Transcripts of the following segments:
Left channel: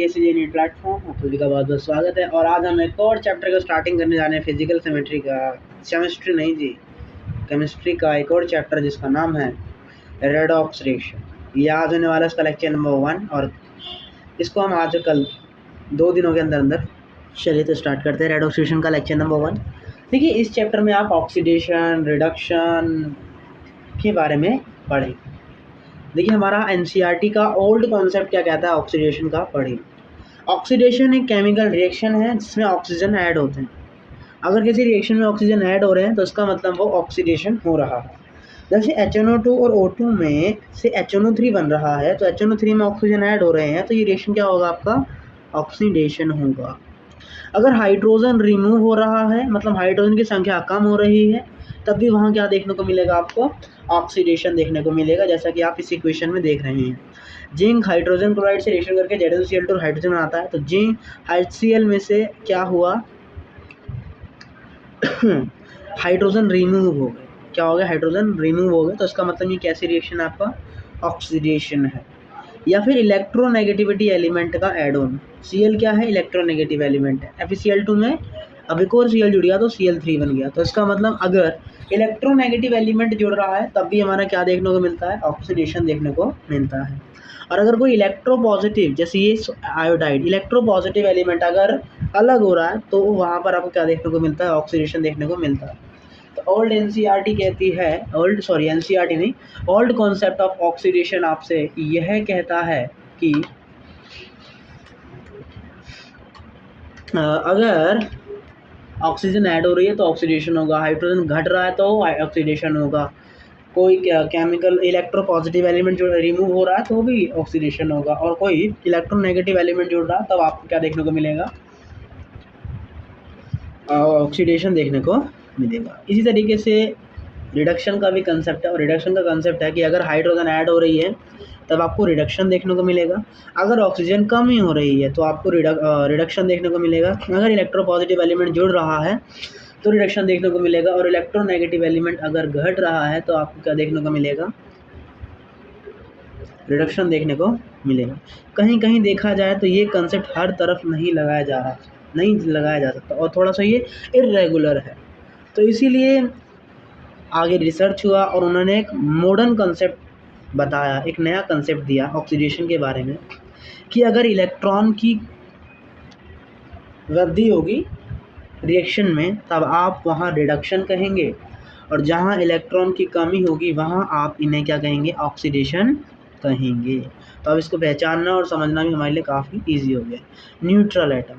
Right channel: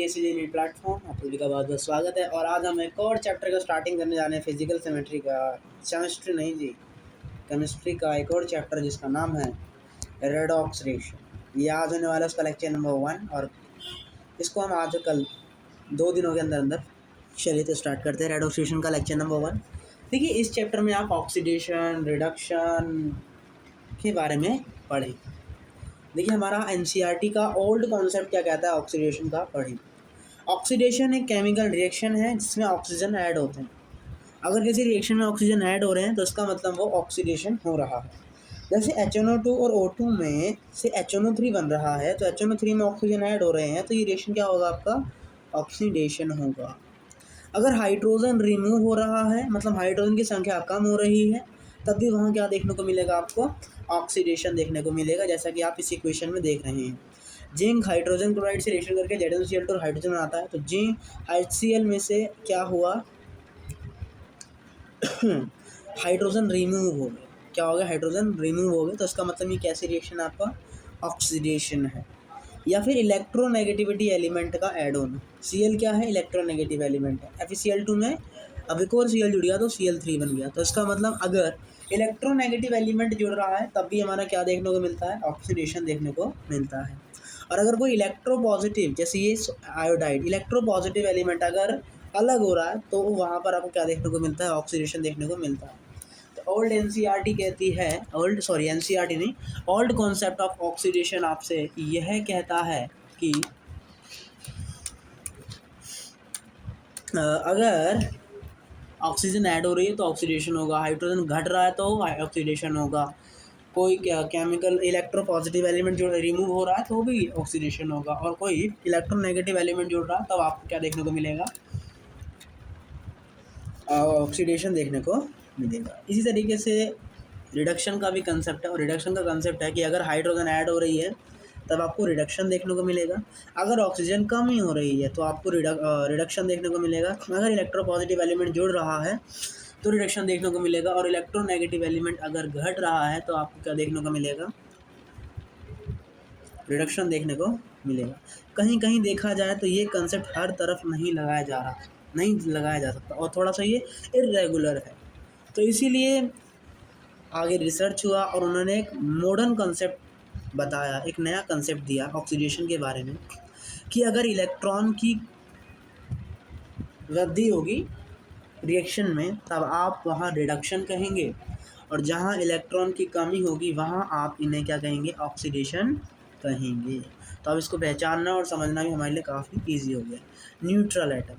NEET platform आप सभी का बहुत बहुत स्वागत है। और आज हम एक और चैप्टर का स्टार्टिंग करने जा रहे हैं फिजिकल सेमेट्री का। केमिस्ट्री नहीं जी, केमिस्ट्री का एक और चैप्टर जिसका नाम है रेडॉक्स रेशियो। ये आज होने वाला इसका लेक्चर नंबर 1 और इसको हम आज कल 2 दिनों के अंदर अंदर चलिए तो स्टार्ट करते हैं रेडॉक्स रेशियो का लेक्चर नंबर 1। देखिए इस चैप्टर में आप ऑक्सीडेशन रिडक्शन के बारे में पढ़ें। देखिए हमारा एनसीईआरटी का ओल्ड कॉन्सेप्ट क्या कहता है ऑक्सीडेशन का, पढ़ें। ऑक्सीडेशन एक केमिकल रिएक्शन है जिसमें ऑक्सीजन ऐड होते हैं। अगर किसी रिएक्शन में ऑक्सीजन ऐड हो रहे हैं तो इसका मतलब वो ऑक्सीडेशन हो रहा है। जैसे HNO2 और O2 में से HNO3 बन रहा है तो HNO3 में ऑक्सीजन ऐड हो रहे हैं तो ये रिएक्शन क्या होगा, आपका ऑक्सीडेशन होगा। अगर हाइड्रोजन रिमूव हो रहा है मतलब हाइड्रोजन की संख्या कम हो रही है तब भी वहाँ क्या देखने को मिलेगा, आपको ऑक्सीडेशन देखने को मिलेगा, जैसा कि आप इस इक्वेशन में देख रहे हैं। जिंक हाइड्रोजन क्लोराइड से रिएक्शन करके ZnCl2 हाइड्रोजन बनाता है तो जिंक HCl में से क्या हुआ हाइड्रोजन रिमूव हो गए। क्या हो गया, हाइड्रोजन रिमूव हो गए तो इसका मतलब ये कैसी रिएक्शन है, आपका ऑक्सीडेशन है। या फिर इलेक्ट्रोनेगेटिविटी एलिमेंट का ऐड ऑन। Cl क्या है, इलेक्ट्रोनेगेटिव एलिमेंट है। FeCl2 में अब एक और Cl जुड़ गया तो Cl3 बन गया। तो इसका मतलब अगर इलेक्ट्रोनेगेटिव एलिमेंट जुड़ रहा है तब भी हमारा क्या देखने को मिलता है, ऑक्सीडेशन देखने को मिलता है। और अगर कोई इलेक्ट्रोपॉजिटिव जैसे ये आयोडाइड इलेक्ट्रोपॉजिटिव एलिमेंट अगर अलग हो रहा है तो वहाँ पर आपको क्या देखने को मिलता है, ऑक्सीडेशन देखने को मिलता है। तो ओल्ड एनसीईआरटी कहती है, एनसीईआरटी नहीं, ओल्ड कॉन्सेप्ट ऑफ ऑक्सीडेशन आपसे यह कहता है कि अगर ऑक्सीजन ऐड हो रही है तो ऑक्सीडेशन होगा, हाइड्रोजन घट रहा है तो ऑक्सीडेशन होगा, कोई केमिकल इलेक्ट्रोपॉजिटिव एलिमेंट जो रिमूव हो रहा है तो भी ऑक्सीडेशन होगा, और कोई इलेक्ट्रोनेगेटिव एलिमेंट जुड़ रहा है तब आपको क्या देखने को मिलेगा, ऑक्सीडेशन देखने को मिलेगा। इसी तरीके से रिडक्शन का भी कंसेप्ट है, और रिडक्शन का कंसेप्ट है कि अगर हाइड्रोजन ऐड हो रही है तब आपको रिडक्शन देखने को मिलेगा, अगर ऑक्सीजन कम ही हो रही है तो आपको रिडक्शन देखने को मिलेगा, अगर इलेक्ट्रोपॉजिटिव एलिमेंट जुड़ रहा है तो रिडक्शन देखने को मिलेगा, और इलेक्ट्रोनेगेटिव एलिमेंट अगर घट रहा है तो आपको क्या देखने को मिलेगा, रिडक्शन देखने को मिलेगा। कहीं कहीं देखा जाए तो ये कंसेप्ट हर तरफ नहीं लगाया जा सकता और थोड़ा सा ये इर्रेगुलर है। तो इसीलिए आगे रिसर्च हुआ और उन्होंने एक मॉडर्न कंसेप्ट बताया, एक नया कंसेप्ट दिया ऑक्सीडेशन के बारे में कि अगर इलेक्ट्रॉन की वृद्धि होगी रिएक्शन में तब आप वहाँ रिडक्शन कहेंगे, और जहाँ इलेक्ट्रॉन की कमी होगी वहाँ आप इन्हें क्या कहेंगे, ऑक्सीडेशन कहेंगे। तो अब इसको पहचानना और समझना भी हमारे लिए काफ़ी इजी हो गया। न्यूट्रल एटम,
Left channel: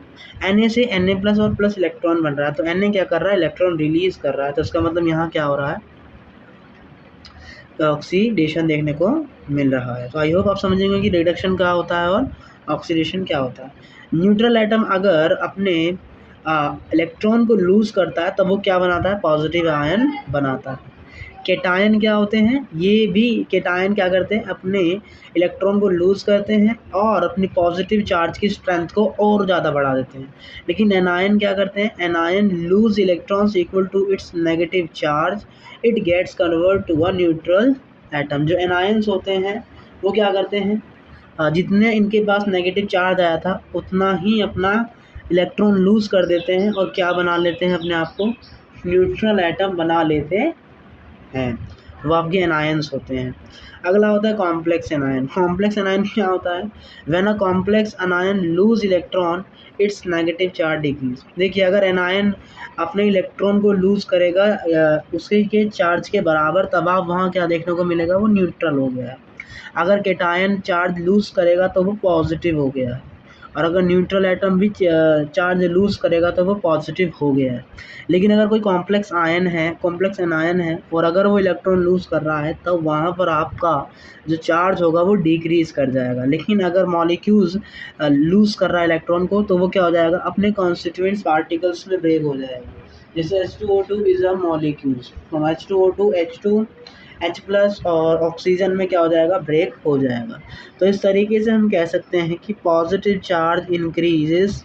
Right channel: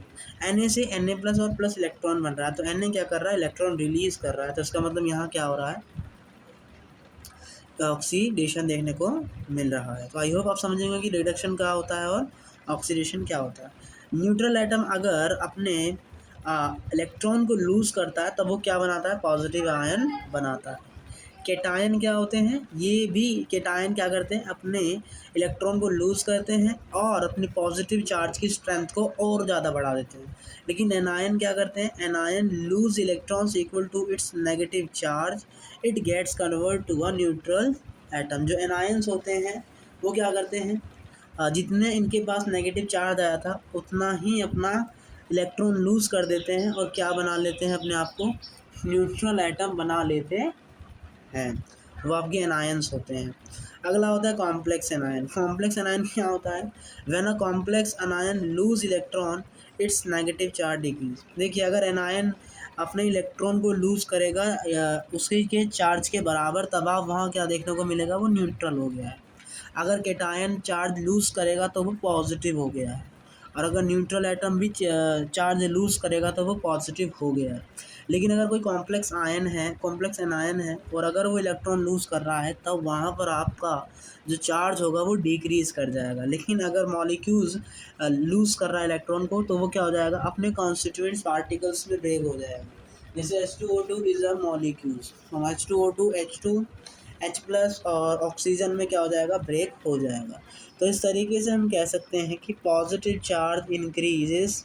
Na से Na+ और प्लस इलेक्ट्रॉन बन रहा है तो Na क्या कर रहा है, इलेक्ट्रॉन रिलीज कर रहा है, तो इसका मतलब यहाँ क्या हो रहा है, ऑक्सीडेशन देखने को मिल रहा है। तो आई होप आप समझेंगे कि रिडक्शन क्या होता है और ऑक्सीडेशन क्या होता है। न्यूट्रल एटम अगर अपने इलेक्ट्रॉन को लूज़ करता है तब वो क्या बनाता है, पॉजिटिव आयन बनाता है। केटायन क्या होते हैं, ये भी केटायन क्या करते हैं, अपने इलेक्ट्रॉन को लूज़ करते हैं और अपनी पॉजिटिव चार्ज की स्ट्रेंथ को और ज़्यादा बढ़ा देते हैं। लेकिन एनायन क्या करते हैं, anion lose electrons equal to its negative charge, it gets convert to a neutral atom. जो एनायंस होते हैं वो क्या करते हैं, जितने इनके पास नेगेटिव चार्ज आया था उतना ही अपना इलेक्ट्रॉन लूज़ कर देते हैं और क्या बना लेते हैं, अपने आप को न्यूट्रल एटम बना लेते हैं। वो आपके एनायंस होते हैं। अगला होता है कॉम्प्लेक्स एनायन। कॉम्प्लेक्स एनायन क्या होता है, when a complex anion loose electron it's negative charge decrease. देखिए अगर एनायन अपने इलेक्ट्रॉन को लूज़ करेगा उसके के चार्ज के बराबर तब आप वहाँ क्या देखने को मिलेगा, वो न्यूट्रल हो गया है। अगर केटायन चार्ज लूज़ करेगा तो वो पॉजिटिव हो गया है, और अगर न्यूट्रल एटम भी चार्ज लूज़ करेगा तो वो पॉजिटिव हो गया है। लेकिन अगर कोई कॉम्प्लेक्स एनायन है और अगर वो इलेक्ट्रॉन लूज़ कर रहा है तब वहाँ पर आपका जो चार्ज होगा वो डिक्रीज़ कर जाएगा। लेकिन अगर मॉलिक्यूल्स लूज़ कर रहा है इलेक्ट्रॉन को तो वो क्या हो जाएगा, अपने कॉन्स्टिट्यूएंट्स पार्टिकल्स में ब्रेक हो जाएगा। जैसे H2O2 is a molecules, from H2O2 H+ और ऑक्सीजन में क्या हो जाएगा, ब्रेक हो जाएगा। तो इस तरीके से हम कह सकते हैं कि positive charge increases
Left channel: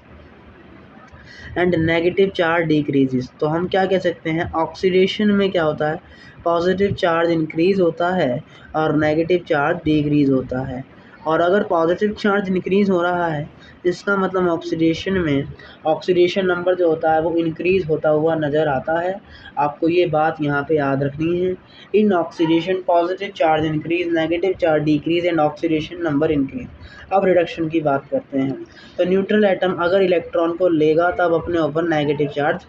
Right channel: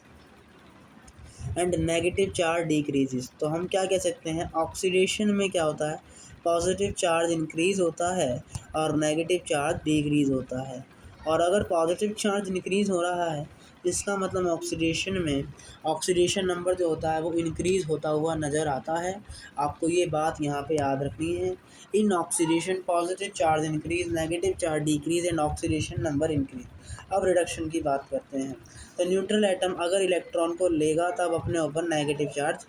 and negative charge decreases. तो हम क्या कह सकते हैं, ऑक्सीडेशन में क्या होता है, पॉजिटिव चार्ज इंक्रीज होता है और नेगेटिव चार्ज डिक्रीज होता है। और अगर पॉजिटिव चार्ज इंक्रीज़ हो रहा है इसका मतलब ऑक्सीडेशन में ऑक्सीडेशन नंबर जो होता है वो इंक्रीज़ होता हुआ नज़र आता है। आपको ये बात यहाँ पे याद रखनी है। In oxidation positive charge increase, negative charge decrease and oxidation number increase. अब रिडक्शन की बात करते हैं। तो न्यूट्रल एटम अगर इलेक्ट्रॉन को लेगा तब अपने ऊपर नेगेटिव चार्ज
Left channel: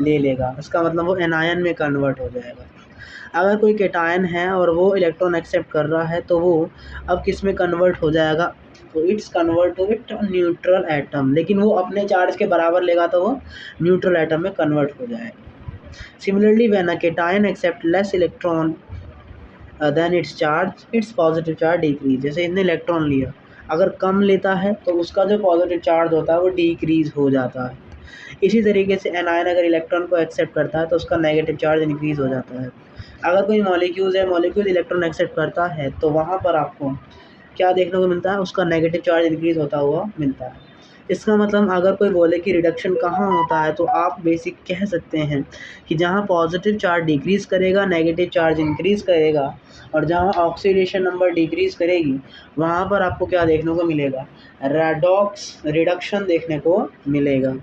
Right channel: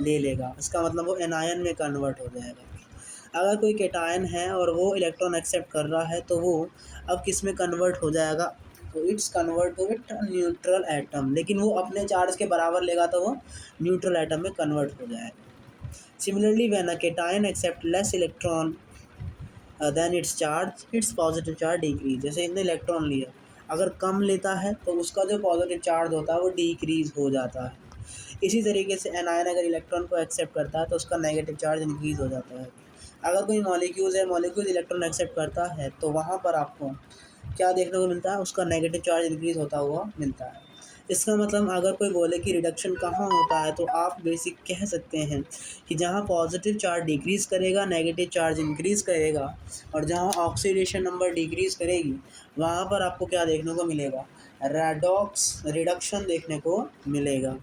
ले लेगा, इसका मतलब वो एनायन में कन्वर्ट हो जाएगा। अगर कोई कैटायन है और वो इलेक्ट्रॉन एक्सेप्ट कर रहा है तो वो अब किस में कन्वर्ट हो जाएगा, तो it's convert to it neutral atom, लेकिन वो अपने चार्ज के बराबर लेगा तो वो न्यूट्रल एटम में कन्वर्ट हो जाएगा। Similarly when a cation accept less electron than its charge, its positive charge decrease. जैसे इसने इलेक्ट्रॉन लिया, अगर कम लेता है तो उसका जो पॉजिटिव चार्ज होता है वो डिक्रीज हो जाता है। इसी तरीके से एनायन अगर इलेक्ट्रॉन को एक्सेप्ट करता है तो उसका नेगेटिव चार्ज इंक्रीज़ हो जाता है। अगर कोई मॉलिक्यूल्स है, मॉलिक्यूल इलेक्ट्रॉन एक्सेप्ट करता है तो वहाँ पर आपको क्या देखने को मिलता है, उसका नेगेटिव चार्ज इंक्रीज़ होता हुआ मिलता है। इसका मतलब अगर कोई बोले कि रिडक्शन कहाँ होता है तो आप बेसिक कह सकते हैं कि जहाँ पॉजिटिव चार्ज डिक्रीज़ करेगा नेगेटिव चार्ज इंक्रीज़ करेगा, और जहाँ ऑक्सीडेशन नंबर डिक्रीज़ करेगी वहाँ पर आपको क्या देखने को मिलेगा, रेडॉक्स रिडक्शन देखने को मिलेगा।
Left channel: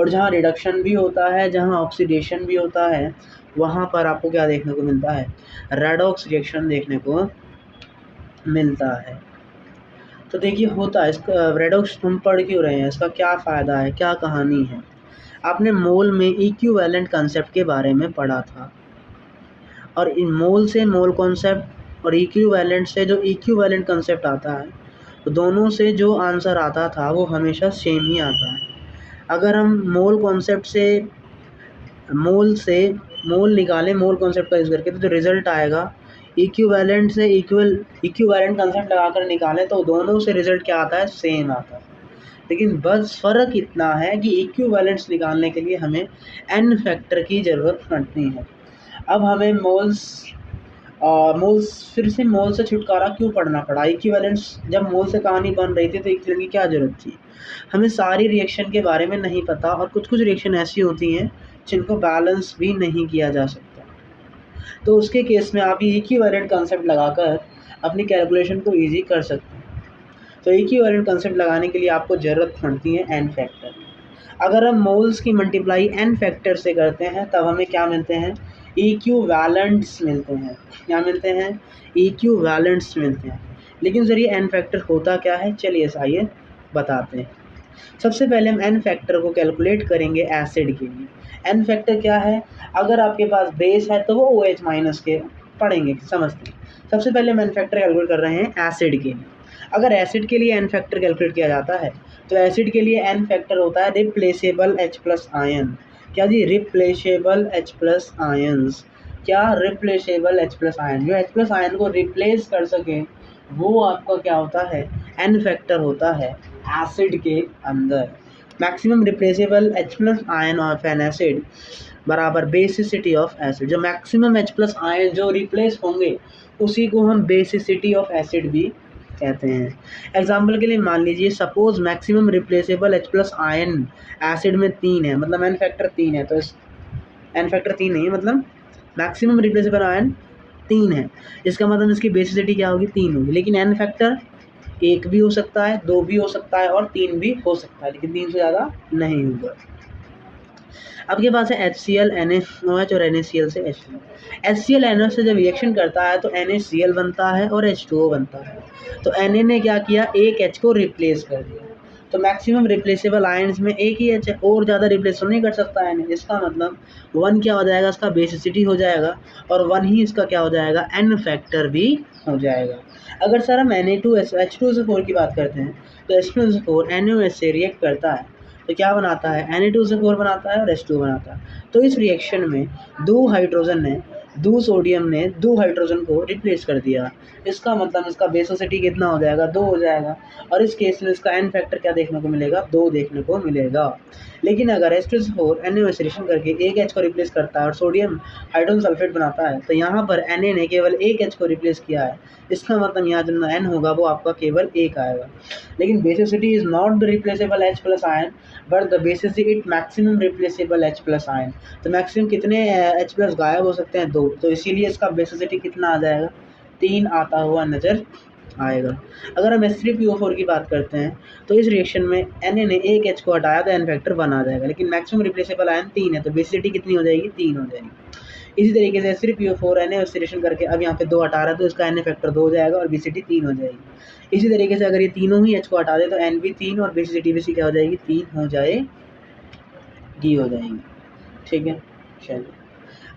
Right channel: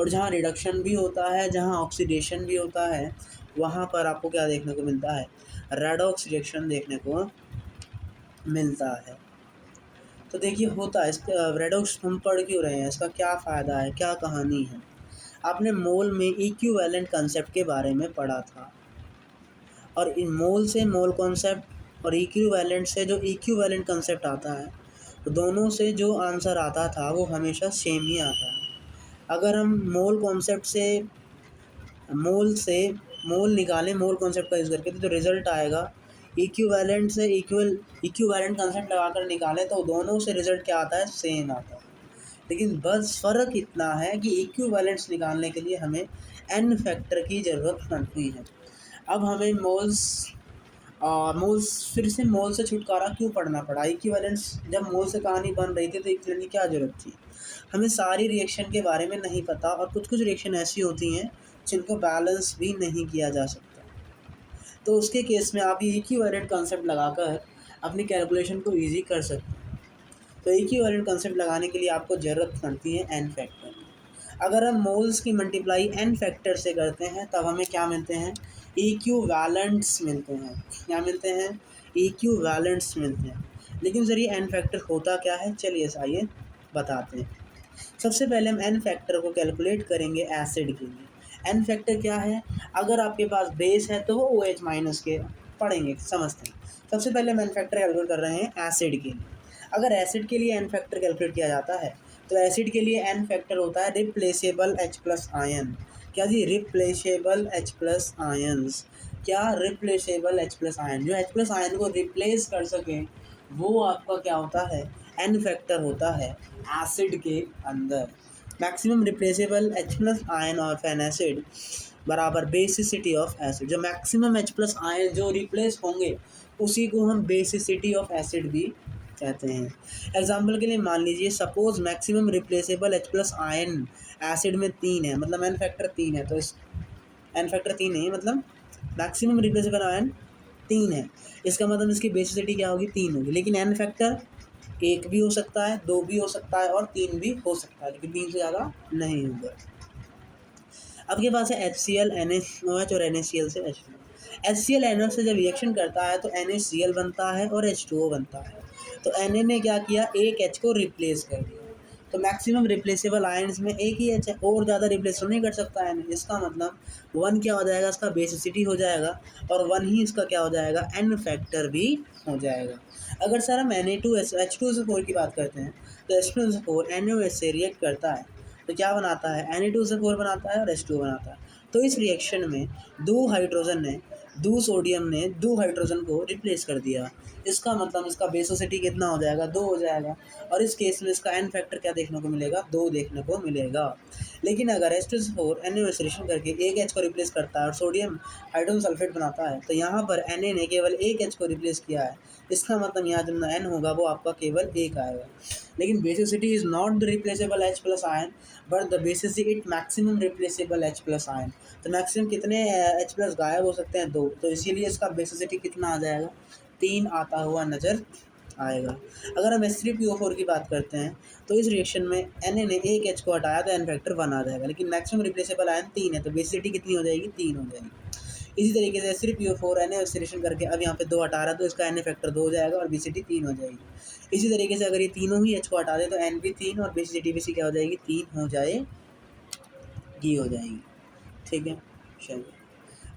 और जहाँ रिडक्शन भी होता है, जहाँ ऑक्सीडेशन भी होता है, वहाँ पर आपको क्या देखने को मिलता है, रेडॉक्स रिएक्शन देखने को मिलता है। तो देखिए होता है इसका रेडॉक्स हम पढ़ क्यों रहे हैं, इसका क्या फ़ायदा है, क्या कहानी है। आपने मोल में इक्विवेलेंट कंसेप्ट के बारे में पढ़ा था, और इन मोल से मोल कॉन्सेप्ट और इक्विवेलेंट से जो इक्विवेलेंट कंसेप्ट आता है, तो दोनों से जो आंसर आता था वो हमेशा सेम ही आता है। अगर हम मोल कॉन्सेप्ट से मोल निकालें, मोल कॉन्सेप्ट का यूज़ करके, तो जो रिज़ल्ट आएगा इक्विवेलेंट से इक्विवेलेंट कंसेप्ट लगाकर निकालें तो दोनों से रिज़ल्ट क्या आता है, सेम आता है। लेकिन बस फ़र्क इतना है कि इक्विवेलेंट्स निकालने के लिए हमें एन फैक्टर की ज़रूरत पड़ती है। अब हमें मोल्स फिर से मोल से छुटकारा क्यों पड़ना पड़ा, इक्विवेलेंट्स जब मोल से कहानी बन रही थी तो इक्विवेलेंट की क्या ज़रूरत थी। हमें सारी रिएक्शन के बारे में नहीं पता, और कुछ रिएक्शन ऐसी होती हैं जिनको बैलेंस भी नहीं किया जा सकता। तो उसके केस में आप ये इक्विवेलेंट कंसेप्ट लगाकर अपनी कैलकुलेशन को ईज़ी कर सकते हैं। तो इक्विवेलेंट कंसेप्ट लगाने के लिए आपको ज़रूरत पड़ती है एन फैक्टर। अगर हम मोल्स की मल्टीप्लाई एन फैक्टर से करते हैं तब हमें क्या मिलते हैं, इक्विवेलेंट्स मिलते हैं। क्या मिलते हैं, इक्विवेलेंट्स मिलते हैं। लेकिन सर ये एन फैक्टर होता क्या है, चलिए आइए बताते हैं। सबसे पहले हम एन फैक्टर को कैलकुलेट करेंगे एसिड के लिए। एन फैक्टर क्या है, अगर आपके पास बेस है तो वो OH माइनस के पढ़ेंगे, समझते हैं। सबसे पहले हम एन फैक्टर कैलकुलेट कर रहे हैं एसिड के लिए। अगर एसिड के लिए एन फैक्टर कैलकुलेट किया जाता है तो एसिड के लिए एन फैक्टर होता है रिप्लेसेबल H प्लस आयन। क्या जी, रिप्लेसेबल H प्लस आयन्स। क्या, रिप्लेसेबल H प्लस आयन, जो H प्लस आयन को रिप्लेस कर सके वो आपका क्या होता है, एन फैक्टर होता है एसिड के अंदर। Maximum replaceable H plus ion of N acid बराबर बेसिसिटी ऑफ एसिड। जो मैक्सिमम H प्लस आयन जो रिप्लेस होंगे उसी को हम बेसिसिटी ऑफ एसिड भी कहते हैं। एग्जाम्पल के लिए मान लीजिए suppose maximum replaceable H plus ion acid में 3 है, मतलब एन फैक्टर 3 है, तो इस एन फैक्टर 3 नहीं है, मतलब मैक्सिमम रिप्लेसेबल आयन 3 है, इसका मतलब इसकी बेसिसिटी क्या होगी, 3 होगी। लेकिन एन फैक्टर 1 भी हो सकता है, 2 भी हो सकता है और 3 भी हो सकता है, लेकिन 3 से ज़्यादा नहीं होगा। आपके पास है HCl, NaOH और NaCl से H2। HCl NaOH से जब रिएक्शन करता है तो NaCl बनता है और H2O बनता है। तो Na ने क्या किया, एक H को रिप्लेस कर दिया। तो मैक्सिमम रिप्लेसेबल आयन्स में एक ही H है, और ज़्यादा रिप्लेस नहीं कर सकता है Na। इसका मतलब 1 क्या हो जाएगा, इसका बेसिसिटी हो जाएगा, और 1 ही इसका क्या हो जाएगा, एन फैक्टर भी हो जाएगा। अगर सर हम H2SO4 की बात करते हैं तो H2SO4 NaOH से रिएक्ट करता है तो क्या बनाता है, Na2SO4 बनाता है और H2 बनाता है। तो इस रिएक्शन में दो सोडियम ने दो हाइड्रोजन को रिप्लेस कर दिया। इसका मतलब इसका बेसिसिटी कितना हो जाएगा, 2 हो जाएगा, और इस केस में इसका एन फैक्टर क्या देखने को मिलेगा, 2 देखने को मिलेगा। लेकिन अगर H2SO4 NaOH रिएक्शन करके एक H को रिप्लेस करता है और सोडियम हाइड्रोजन सल्फेट बनाता है तो यहाँ पर Na ने केवल एक H को रिप्लेस किया है। इसका मतलब यहाँ जो N होगा वो आपका केवल 1 आएगा। लेकिन basicity is not the replaceable H plus ion but the basicity it maximum replaceable H plus ion. तो मैक्सिमम कितने H प्लस गायब हो सकते हैं, 2। तो इसीलिए इसका बेसिसिटी कितना आ जाएगा, 3 आता हुआ नज़र आएगा। अगर हम H3PO4 की बात करते हैं तो इस रिएक्शन में Na ने एक H को हटाया तो N फैक्टर 1 आ जाएगा, लेकिन मैक्सिमम रिप्लेसेबल आयन 3 है तो बेसिसिटी कितनी हो जाएगी, 3 हो जाएगी। इसी तरीके से H3PO4 Na ऑक्सीडेशन करके अब यहाँ पे 2 हटा रहा है तो इसका Na फैक्टर 2 हो जाएगा और बेसिसिटी 3 हो जाएगी। इसी तरीके से अगर ये तीनों ही H को हटा दे तो N भी 3 और बेसिसिटी भी क्या हो जाएगी, 3 हो जाएगी, हो जाएगी। ठीक है, चलिए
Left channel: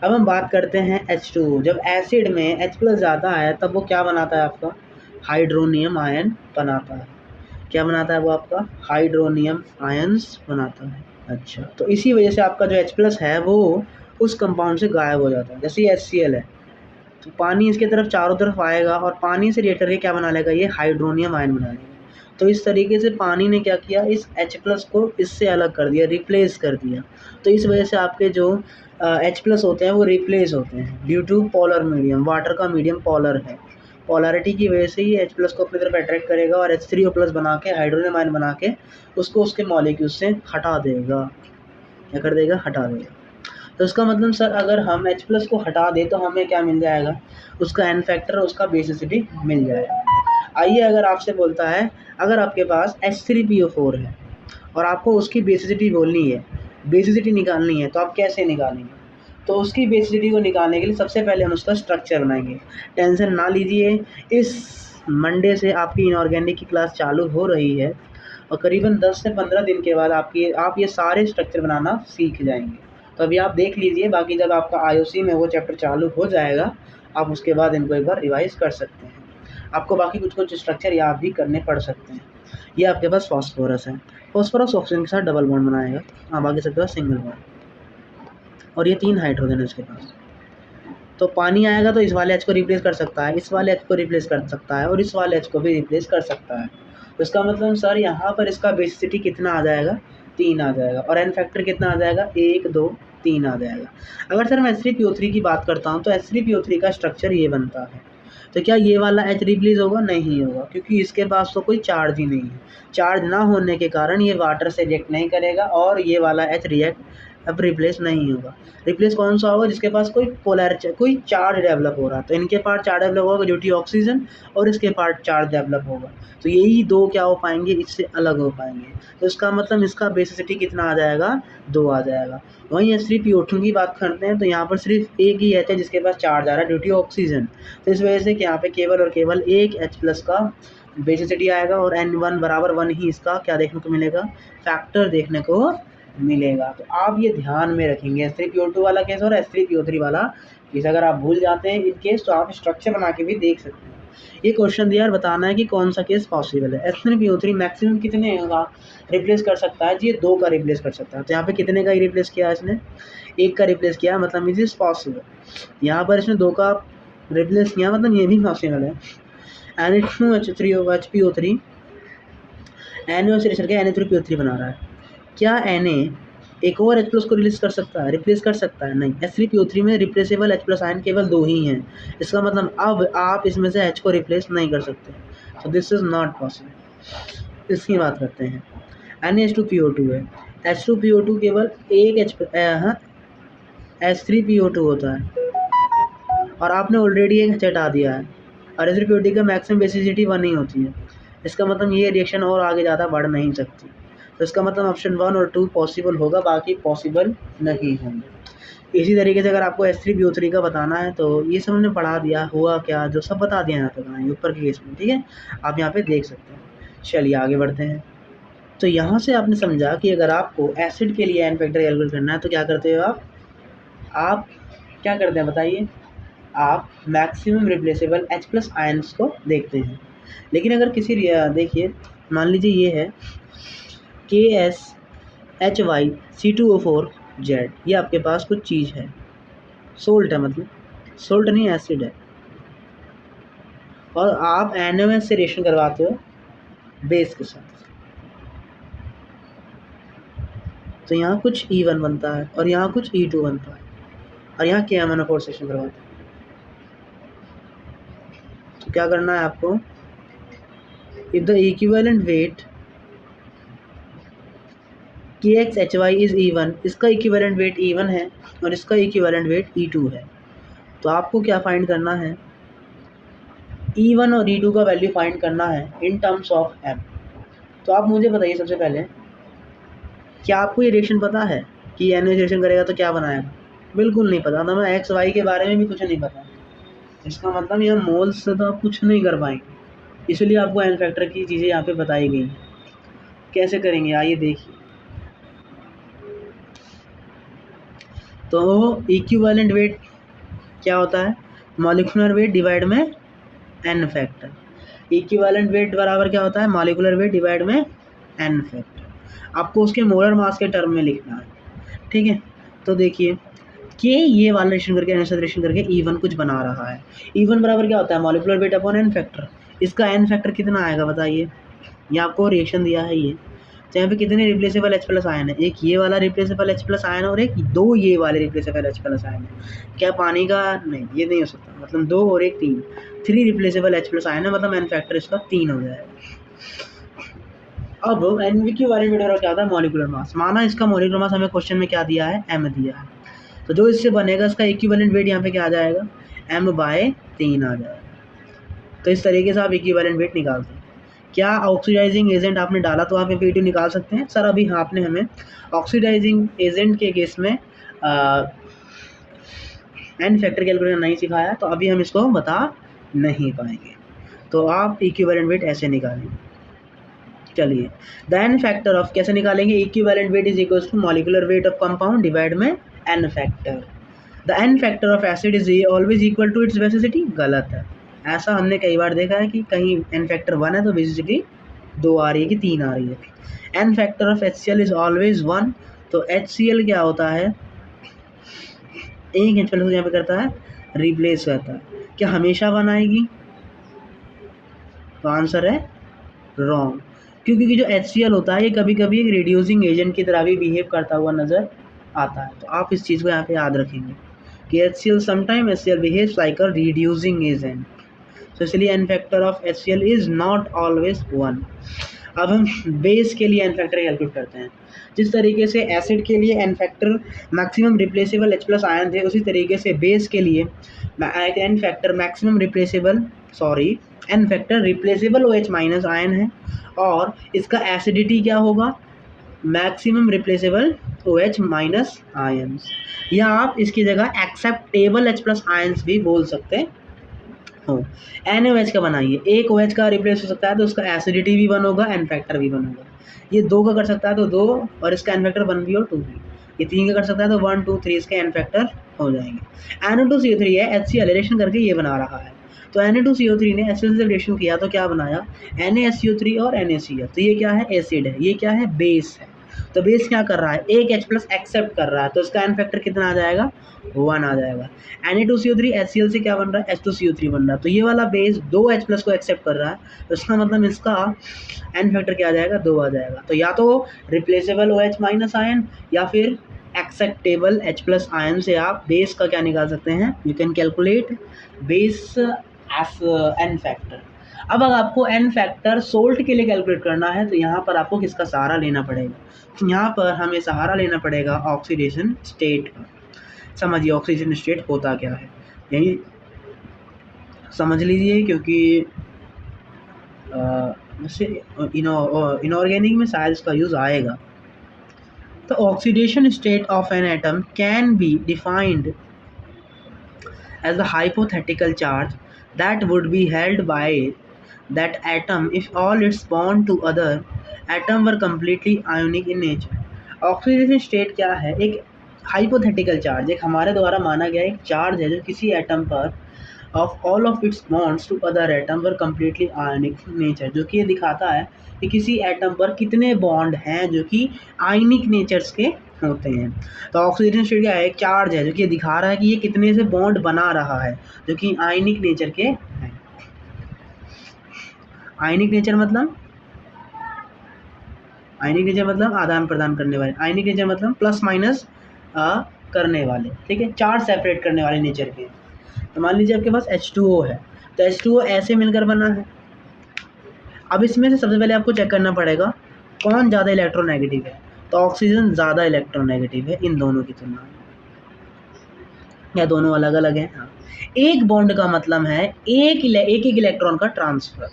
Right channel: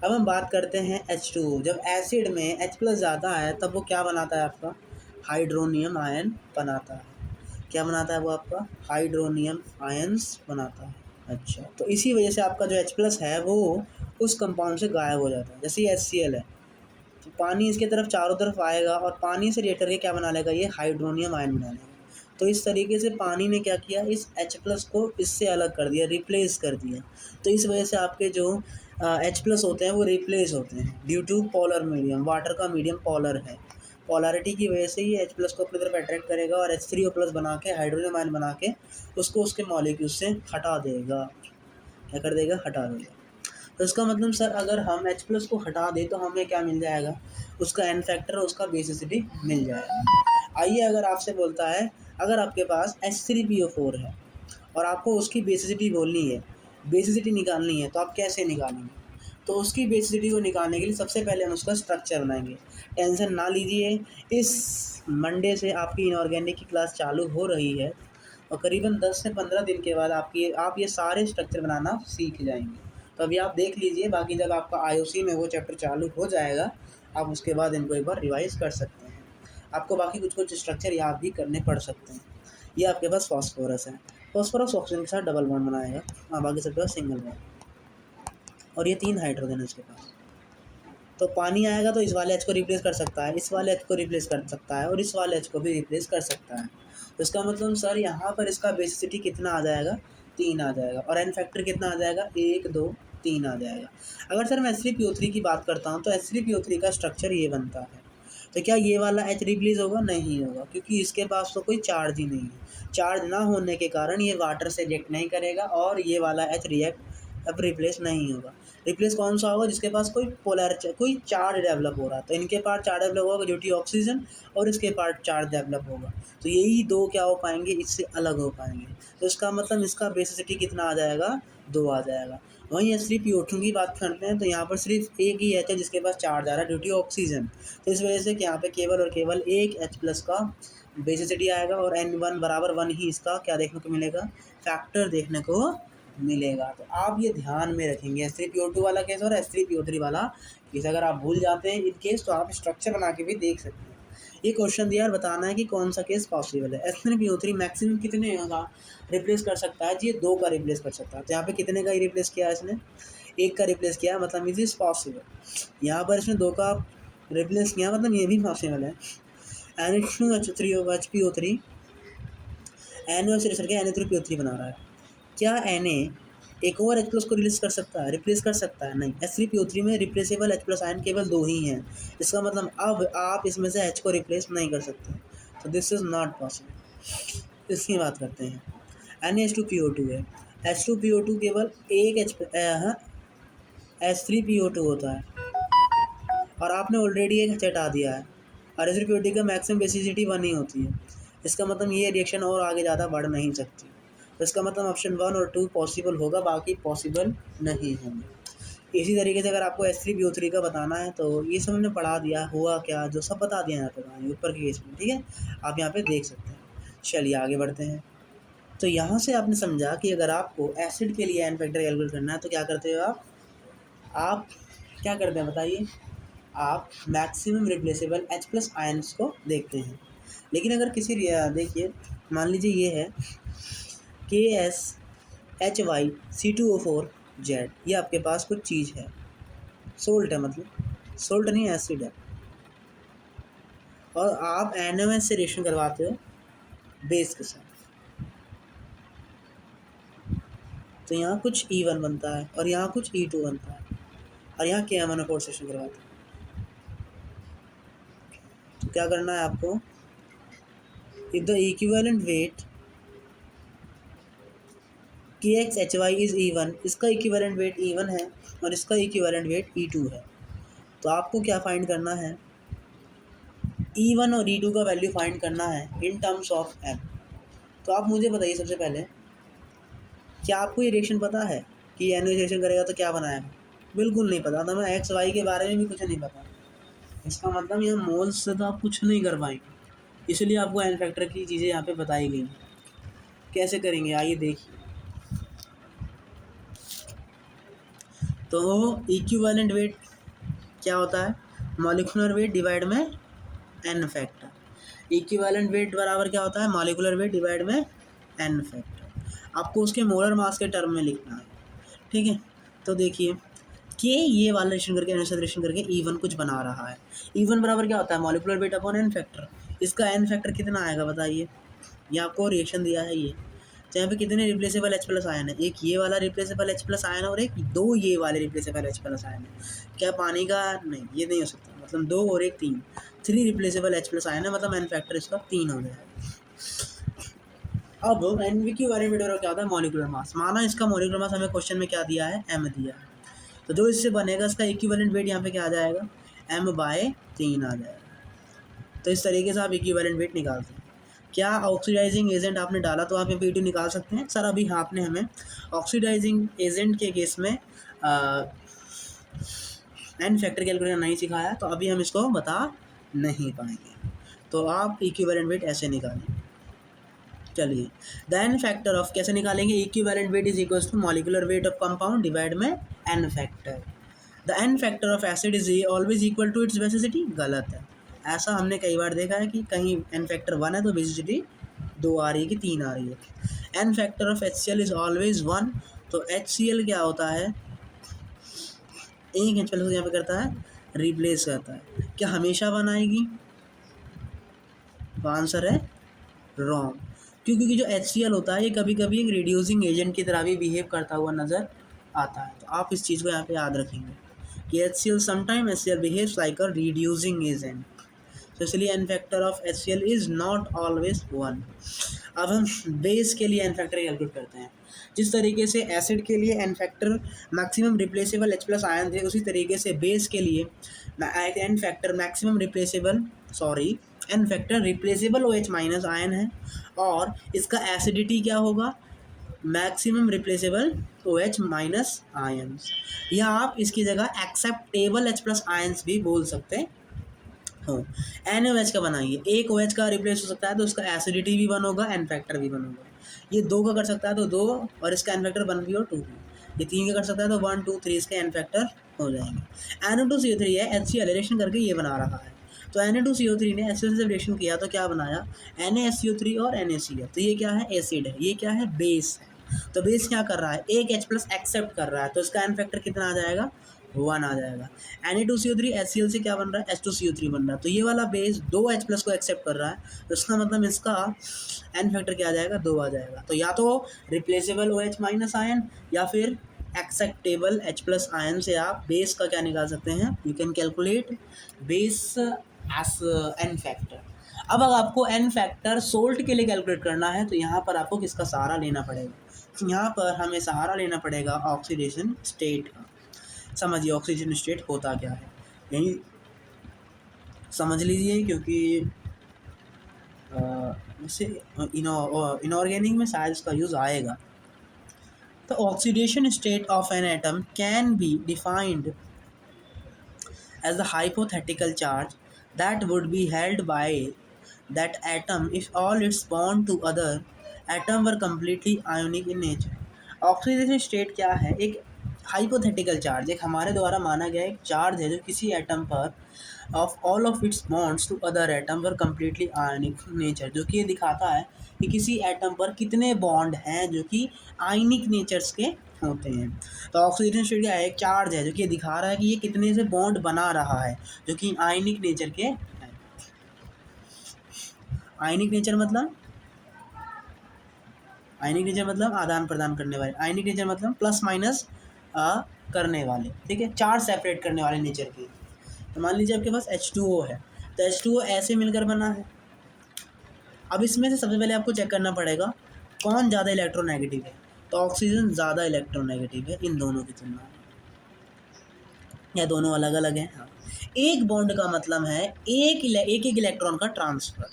अब हम बात करते हैं H2। जब एसिड में H प्लस ज़्यादा है तब वो क्या बनाता है, आपका हाइड्रोनियम आयन बनाता है। क्या बनाता है वो, आपका हाइड्रोनियम आयंस बनाता है। अच्छा, तो इसी वजह से आपका जो H प्लस है वो उस कंपाउंड से गायब हो जाता है। जैसे ये HCl है तो पानी इसके तरफ चारों तरफ आएगा और पानी से रिएक्ट करके क्या बना लेगा, ये हाइड्रोनियम आयन बना लेगा। तो इस तरीके से पानी ने क्या किया, इस H प्लस को इससे अलग कर दिया, रिप्लेस कर दिया। तो इस वजह से आपके जो H प्लस होते हैं वो रिप्लेस होते हैं due to polar medium. Water का मीडियम पोलर है, पोलैरिटी की वजह से ही H प्लस को अपनी तरफ अट्रैक्ट करेगा और H3O प्लस बना के हाइड्रोनियम आयन बना के उसको उसके मॉलिक्यूल से हटा देगा। क्या कर देगा, हटा देगा। तो उसका मतलब सर अगर हम H प्लस को हटा दें तो हमें क्या मिल जाएगा, उसका N फैक्टर और उसका बेसिसिटी मिल जाएगा। आइए अगर आपसे बोलता है, अगर आपके पास H3PO4 है और आपको उसकी बेसिसिटी बोलनी है, बेसिसिटी निकालनी है, तो आप कैसे निकालेंगे। तो उसकी बेसिसिटी को निकालने के लिए सबसे पहले हम उसका स्ट्रक्चर बनाएंगे। टेंशन ना लीजिए, इस मंडे से आपकी इनऑर्गेनिक की क्लास चालू हो रही है और करीबन 10 से 15 दिन के बाद आप ये सारे स्ट्रक्चर बनाना सीख जाएंगे। तो अभी आप देख लीजिए, बाकी जब आपका IOC में वो चैप्टर चालू हो जाएगा आप उसके बाद इनको एक बार रिवाइज़ कर सकते हैं। आपको बाकी कुछ स्ट्रक्चर याद भी करने पड़ सकते हैं। ये आपके पास फॉस्फोरस है, फॉस्फोरस ऑक्सीजन के साथ डबल बॉन्ड बनाएगा, बाकी सबके पास सिंगल बॉन्ड, और ये 3 हाइड्रोजन है इसके पास। तो पानी आएगा तो इस वाले H को रिप्लेस कर सकता है, इस वाले H को रिप्लेस कर सकता है और इस वाले H को भी रिप्लेस कर सकता है। तो इसका मतलब सर यहाँ पर इसका बेसिसिटी कितना आ जाएगा, 3 आ जाएगा और N फैक्टर कितना आ जाएगा, 1 2 3 आ जाएगा। अगर सर मैं H3PO3 की बात करता हूँ तो H3PO3 का स्ट्रक्चर ये बनता है। तो क्या ये वाला H रिप्लेस होगा, नहीं होगा, क्योंकि इसके पास तो कोई चार्ज ही नहीं है। चार्ज ना होने के कारण ये वाटर से रिएक्ट नहीं करेगा और ये वाला H अब रिप्लेस नहीं होगा। रिप्लेस कौन सा होगा, जिसके पास कोई चार्ज डेवलप हो रहा है। तो इनके पार्ट चार्ज डेवलप होगा जो कि ऑक्सीजन, और इसके पार्ट चार्ज डेवलप होगा। तो यही दो क्या हो पाएंगे, इससे अलग हो पाएंगे। तो इसका मतलब इसका बेसिसिटी कितना आ जाएगा, 2 आ जाएगा। वहीं H3PO2 की बात करते हैं तो यहाँ पर सिर्फ एक ही H है जिसके पास चार्ज आ रहा है ड्यू टू ऑक्सीजन। तो इस वजह से यहाँ पे केवल और केवल एक H प्लस का बेसिसिटी आएगा और N1 बराबर 1 ही इसका क्या देखने को मिलेगा, फैक्टर देखने को मिलेगा। तो आप ये ध्यान में रखेंगे, H3PO2 वाला केस और H3PO3 वाला केस अगर आप भूल जाते हैं इन केस तो आप स्ट्रक्चर बना के भी देख सकते हैं। ये क्वेश्चन दिया और बताना है कि कौन सा केस पॉसिबल है। H3PO3 मैक्सिमम कितने का रिप्लेस कर सकता है जी, ये 2 का रिप्लेस कर सकता है। तो यहाँ पे कितने का ही रिप्लेस किया है इसने, 1 का रिप्लेस किया, मतलब इट इज़ पॉसिबल। यहाँ पर इसने 2 का रिप्लेस किया, मतलब ये भी पॉसिबल है। NH2HPO3 Na से रिलेशन के Na3PO3 बना रहा है। क्या Na एक और H प्लस को रिप्लेस कर सकता है, नहीं। H3PO3 में रिप्लेसेबल H प्लस आयन केवल 2 ही हैं। इसका मतलब अब आप इसमें से H को रिप्लेस नहीं कर सकते, तो दिस इज़ नॉट पॉसिबल। इसकी बात करते हैं, NH2PO2 है, H2PO2 केवल एक H3PO2 होता है और आपने ऑलरेडी एक H हटा दिया है और H3PO2 का मैक्सिमम बेसिसिटी 1 ही होती है। इसका मतलब ये रिएक्शन और आगे ज़्यादा बढ़ नहीं सकती। तो इसका मतलब ऑप्शन 1 और 2 पॉसिबल होगा, बाकी पॉसिबल नहीं होंगे। इसी तरीके से अगर आपको H3PO3 का बताना है तो ये सब हमने पढ़ा दिया, हुआ क्या जो सब बता दिया यहाँ पे बनाइए ऊपर के केस में, ठीक है, आप यहाँ पे देख सकते हैं। चलिए आगे बढ़ते हैं। तो यहाँ से आपने समझा कि अगर आपको एसिड के लिए एन फैक्टर कैलकुलेट करना है तो क्या करते हो आप क्या करते हैं बताइए, आप maximum replaceable H plus ions को देखते हैं। लेकिन अगर किसी देखिए मान लीजिए ये है KSHYC2O4Z, ये आपके पास कुछ चीज़ है, सोल्ट है, मतलब सोल्ट नहीं एसिड है, और आप NaOH से रिएक्शन करवाते हो बेस के साथ, तो यहाँ कुछ E1 बनता है और यहाँ कुछ E2 बनता है और यहाँ KMnO4 से रिएक्शन करवाते हैं। तो क्या करना है आपको, if the equivalent weight KXHY is E1, इसका इक्विवेलेंट वेट E1 है और इसका इक्विवेलेंट वेट E2 है, तो आपको क्या फाइंड करना है, E1 और E2 का वैल्यू फाइंड करना है इन टर्म्स ऑफ M। तो आप मुझे बताइए सबसे पहले, क्या आपको ये रिएक्शन पता है कि NH रिएक्शन करेगा तो क्या बनाएगा? बिल्कुल नहीं पता, तो हमें एक्स वाई के बारे में भी कुछ नहीं पता। इसका मतलब ये मोल्स से तो आप कुछ नहीं कर पाएंगे, इसलिए आपको एन फैक्टर की चीज़ें यहाँ पे बताई गई हैं। कैसे करेंगे आइए देखिए। तो इक्विवेलेंट वेट क्या होता है? मॉलिक्यूलर वेट डिवाइड में एन फैक्टर। इक्विवेलेंट वेट बराबर क्या होता है? मॉलिक्यूलर वेट डिवाइड में एन फैक्टर। आपको उसके मोलर मास के टर्म में लिखना है, ठीक है। तो देखिए कि ये वाला रिलेशन करके एन रिलेशन करके E1 कुछ बना रहा है। E1 बराबर क्या होता है? Molecular weight upon N factor. इसका एन फैक्टर कितना आएगा बताइए? ये आपको रिएक्शन दिया है ये, तो यहाँ पे कितने रिप्लेसेबल H प्लस आयन है? एक ये वाला रिप्लेसेबल H प्लस आयन और एक दो ये वाले रिप्लेसेबल H प्लस आयन है। क्या पानी का? नहीं, ये नहीं हो सकता, मतलब दो और एक तीन, 3 रिप्लेसेबल H प्लस आयन है, मतलब एन फैक्टर इसका 3 हो जाएगा। अब एन इक्विवेलेंट वेट क्या होता है? Molecular mass. माना इसका मॉलिक्यूलर मास हमें क्वेश्चन में क्या दिया है? M दिया है, तो जो इससे बनेगा इसका इक्विवेलेंट वेट यहाँ पे क्या आ जाएगा? M/3 आ जाएगा। तो इस तरीके से आप इक्विवेलेंट वेट निकालते हैं। क्या ऑक्सीडाइजिंग एजेंट आपने डाला तो आप यहाँ पे E2 निकाल सकते हैं? सर अभी आपने हमें ऑक्सीडाइजिंग एजेंट के केस में एन फैक्टर कैलकुलेशन नहीं सिखाया, तो अभी हम इसको बता नहीं पाएंगे। तो आप इक्विवेलेंट वेट ऐसे निकालेंगे। चलिए, द एन फैक्टर ऑफ कैसे निकालेंगे? Equivalent weight is equals to molecular weight of compound divide में n factor. The n factor of acid is always equal to its basicity. गलत है, ऐसा हमने कई बार देखा है कि कहीं एन फैक्टर 1 है तो बेसिसिटी 2 आ रही है कि 3 आ रही है। N factor of HCl is always 1। तो HCl क्या होता है? एक H प्लस यहाँ पे करता है रिप्लेस करता है। क्या हमेशा 1 आएगी? तो आंसर है रॉन्ग, क्योंकि जो HCl होता है ये कभी कभी एक रिड्यूसिंग एजेंट की तरह भी बिहेव करता हुआ नज़र आता है। तो आप इस चीज़ को यहाँ पे याद रखेंगे कि HCl behaves like a reducing agent, तो इसलिए N factor of HCl is not always 1। अब हम बेस के लिए एन फैक्टर कैलकुलेट करते हैं। जिस तरीके से एसिड के लिए N factor maximum replaceable H plus ion थे, उसी तरीके से बेस के लिए N factor maximum replaceable N factor replaceable OH minus ion है, और इसका एसिडिटी क्या होगा? Maximum replaceable OH minus ions, या आप इसकी जगह एक्सेप्टेबल H प्लस आयन्स भी बोल सकते हो। NaOH का बनाइए, एक OH का रिप्लेस हो सकता है तो उसका एसिडिटी भी 1 होगा, एन फैक्टर भी 1 होगा। ये 2 का कर सकता है तो 2, और इसका एन फैक्टर 1 भी और 2 भी। ये 3 का कर सकता है तो 1 2 3 इसके एन फैक्टर हो जाएंगे। Na2CO3 है, HCl रिलेशन करके ये बना रहा है। तो Na2CO3 ने HCl से रिलेशन किया तो क्या बनाया? NaSO3 और NaCl। तो ये क्या है? एसिड है, ये क्या है? बेस है। तो बेस क्या कर रहा है? एक H प्लस एक्सेप्ट कर रहा है, तो इसका एन फैक्टर कितना आ जाएगा? 1 आ जाएगा। Na2CO3 HCl से क्या बन रहा है? H2CO3 बन रहा है, तो ये वाला बेस 2 H प्लस को एक्सेप्ट कर रहा है, तो इसका मतलब इसका एन फैक्टर क्या आ जाएगा? 2 आ जाएगा। तो या तो रिप्लेसेबल OH माइनस आयन या फिर एक्सेप्टेबल H प्लस आयन से आप बेस का क्या निकाल सकते हैं? You can calculate bases N factor. अब अगर आपको एन फैक्टर सोल्ट के लिए कैलकुलेट करना है तो यहाँ पर आपको किसका सहारा लेना पड़ेगा? यहाँ पर हमें सहारा लेना पड़ेगा ऑक्सीडेशन स्टेट का। समझिए ऑक्सीजन स्टेट होता क्या है, यही समझ लीजिए, क्योंकि वैसे इनऑर्गेनिक में शायद इसका यूज़ आएगा। तो oxidation state of an atom can be defined as a hypothetical charge that would be held by that atom if all its bond to other atom were completely ionic in nature। Oxidation state क्या है? एक hypothetical charge, एक हमारे द्वारा माना गया एक charge है जो किसी एटम पर of all of its bonds to other atom were completely ionic nature, जो कि ये दिखाता है कि किसी एटम पर कितने बॉन्ड हैं जो कि आयनिक नेचर्स के होते हैं। तो ऑक्सीडेशन स्टेट क्या है? एक चार्ज है जो कि ये दिखा रहा है कि ये कितने से बॉन्ड बना रहा है जो कि आयनिक नेचर के हैं। आयनिक नेचर मतलब आदान प्रदान करने वाले, आयनिक नेचर मतलब प्लस माइनस करने वाले, ठीक है, चार्ज सेपरेट करने वाले नेचर के। तो मान लीजिए आपके पास H2O है, तो H2O ऐसे मिलकर बना है। अब इसमें से सबसे पहले आपको चेक करना पड़ेगा कौन ज़्यादा इलेक्ट्रोनेगेटिव है। तो ऑक्सीजन ज़्यादा इलेक्ट्रोनेगेटिव है इन दोनों की तुलना में। या दोनों अलग अलग हैं? हाँ। एक बॉन्ड का मतलब है एक इलेक्ट्रॉन का ट्रांसफ़र।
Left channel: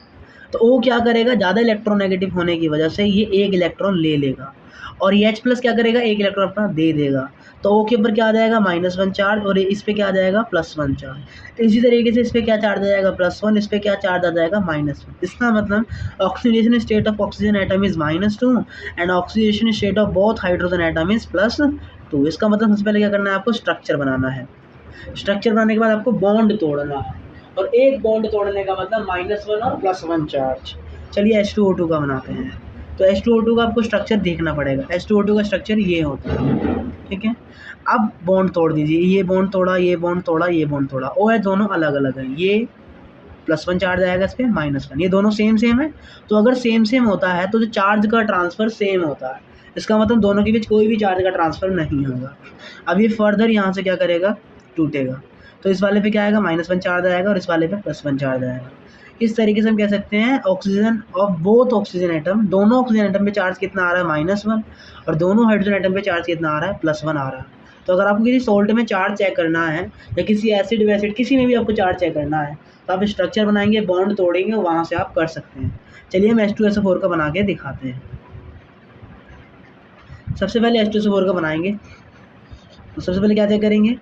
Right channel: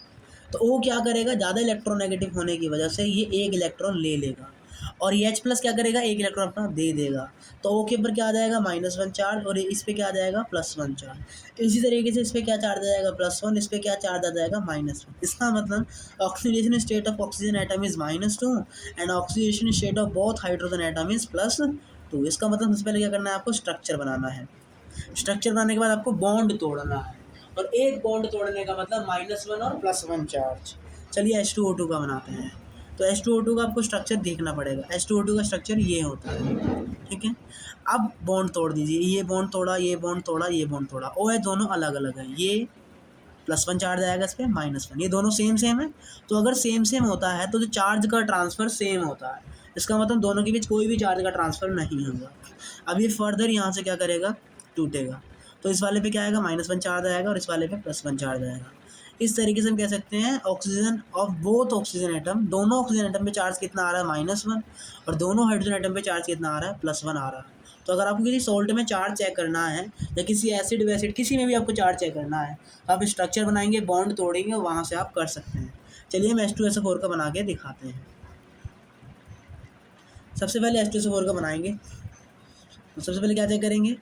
तो वो क्या करेगा, ज़्यादा इलेक्ट्रोनेगेटिव होने की वजह से ये एक इलेक्ट्रॉन ले लेगा और ये H प्लस क्या करेगा, एक इलेक्ट्रॉन अपना दे देगा। तो O के ऊपर क्या आ जाएगा, -1 चार्ज, और इस पे क्या आ जाएगा, +1 चार्ज। तो इसी तरीके से इस पे क्या चार्ज आ जाएगा, +1, इस पे क्या चार्ज आ जाएगा, -1। इसका मतलब oxidation state of oxygen atom is -2 and oxidation state of both hydrogen atom is +2। इसका मतलब सबसे पहले क्या करना है, आपको स्ट्रक्चर बनाना है। स्ट्रक्चर बनाने के बाद आपको बॉन्ड तोड़ना है, और एक बॉन्ड तोड़ने का मतलब -1 और +1 चार्ज। चलिए H2O2 का बनाते हैं। तो H2O2 का आपको स्ट्रक्चर देखना पड़ेगा। H2O2 का स्ट्रक्चर ये होता है, ठीक है। अब बॉन्ड तोड़ दीजिए, ये बॉन्ड तोड़ा, ये बॉन्ड तोड़ा, ये बॉन्ड तोड़ा, OH दोनों अलग अलग हैं। ये +1 चार्ज आएगा इस पर, -1। ये दोनों सेम सेम है। तो अगर सेम सेम होता है तो जो चार्ज का ट्रांसफ़र सेम होता है, इसका मतलब दोनों के बीच कोई भी चार्ज का ट्रांसफ़र नहीं होगा। अब ये फर्दर यहाँ से क्या करेगा, टूटेगा। तो इस वाले पे क्या आएगा, -1 चार्ज आएगा, और इस वाले पे +1 चार्ज आएगा। इस तरीके से हम कह सकते हैं oxygen of both oxygen atom, दोनों ऑक्सीजन एटम पे चार्ज कितना आ रहा है, -1, और दोनों हाइड्रोजन एटम पे चार्ज कितना आ रहा है, +1 आ रहा है। तो अगर आपको किसी सोल्ट में चार्ज चेक करना है या किसी एसिड वैसिड किसी में भी आपको चार्ज चेक करना है, तो आप स्ट्रक्चर बनाएंगे, बॉन्ड तोड़ेंगे, वहाँ से आप कर सकते हैं। चलिए हम H2SO4 का बना के दिखाते हैं। सबसे पहले H2SO4 का बनाएंगे तो सबसे पहले क्या चेक करेंगे,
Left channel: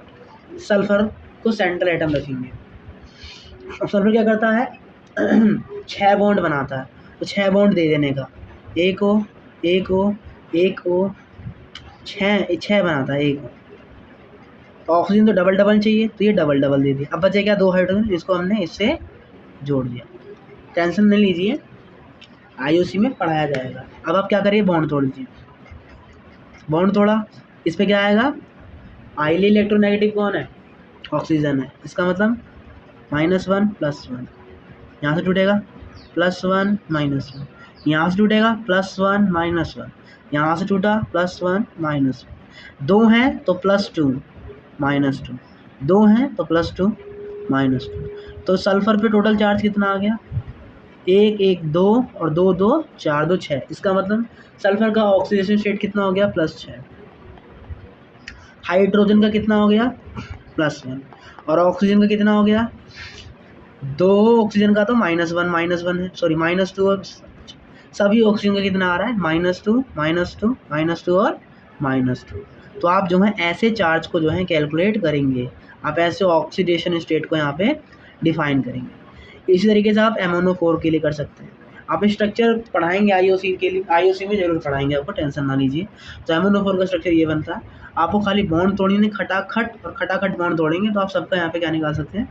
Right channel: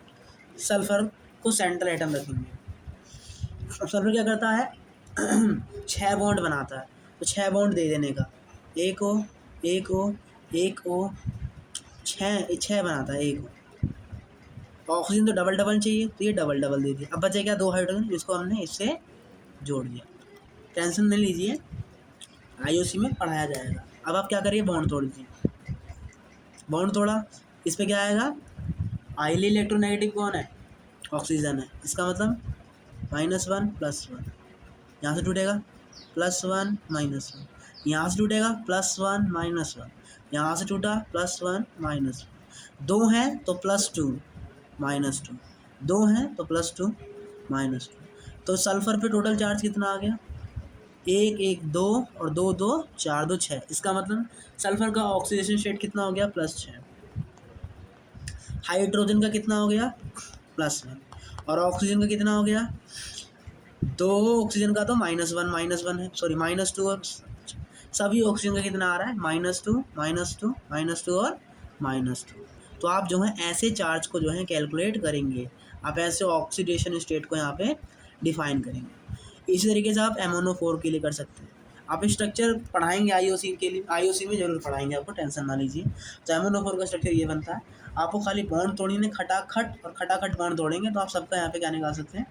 सल्फ़र को सेंट्रल एटम रखेंगे। अब सल्फ़र क्या करता है 6 बॉन्ड बनाता है, तो 6 बॉन्ड दे देने का, एक O, एक O, एक O, 6 बनाता है, एक O। ऑक्सीजन तो डबल डबल चाहिए, तो ये डबल डबल दे दिया। अब बचे क्या, 2 हाइड्रोजन, इसको हमने इससे जोड़ दिया। टेंशन नहीं लीजिए, IUC में पढ़ाया जाएगा। अब आप क्या करिए, बॉन्ड तोड़ दीजिए। बॉन्ड तोड़ा, इस पे क्या आएगा, हाईली इलेक्ट्रोनेगेटिव कौन है, ऑक्सीजन है। इसका मतलब -1 +1, यहाँ से टूटेगा +1 -1, यहाँ से टूटेगा +1 -1, यहाँ से टूटा +1 -1। 2 हैं तो +2 -2, 2 हैं तो +2 -2। तो सल्फ़र पे टोटल चार्ज कितना आ गया, 1 1 2 और 2 2 4 2 6। इसका मतलब सल्फ़र का ऑक्सीडेशन स्टेट कितना हो गया, +6। हाइड्रोजन का कितना हो गया, +1, और ऑक्सीजन का कितना हो गया, 2 ऑक्सीजन का तो -1 है, सॉरी -2, और सभी ऑक्सीजन का कितना आ रहा है, -2 -2 -2 और -2। तो आप जो है ऐसे चार्ज को जो है कैलकुलेट करेंगे, आप ऐसे ऑक्सीडेशन स्टेट को यहाँ पे डिफाइन करेंगे। इसी तरीके से आप MnO4 के लिए कर सकते हैं। आप स्ट्रक्चर पढ़ाएंगे IOC के लिए, IOC में ज़रूर पढ़ाएंगे, आपको टेंशन ना लीजिए। तो MnO4 का स्ट्रक्चर ये बनता है, आपको खाली बॉन्ड तोड़नी है खटाखट, और खटाखट बॉन्ड तोड़ेंगे तो आप सबका यहाँ पे क्या निकाल सकते हैं,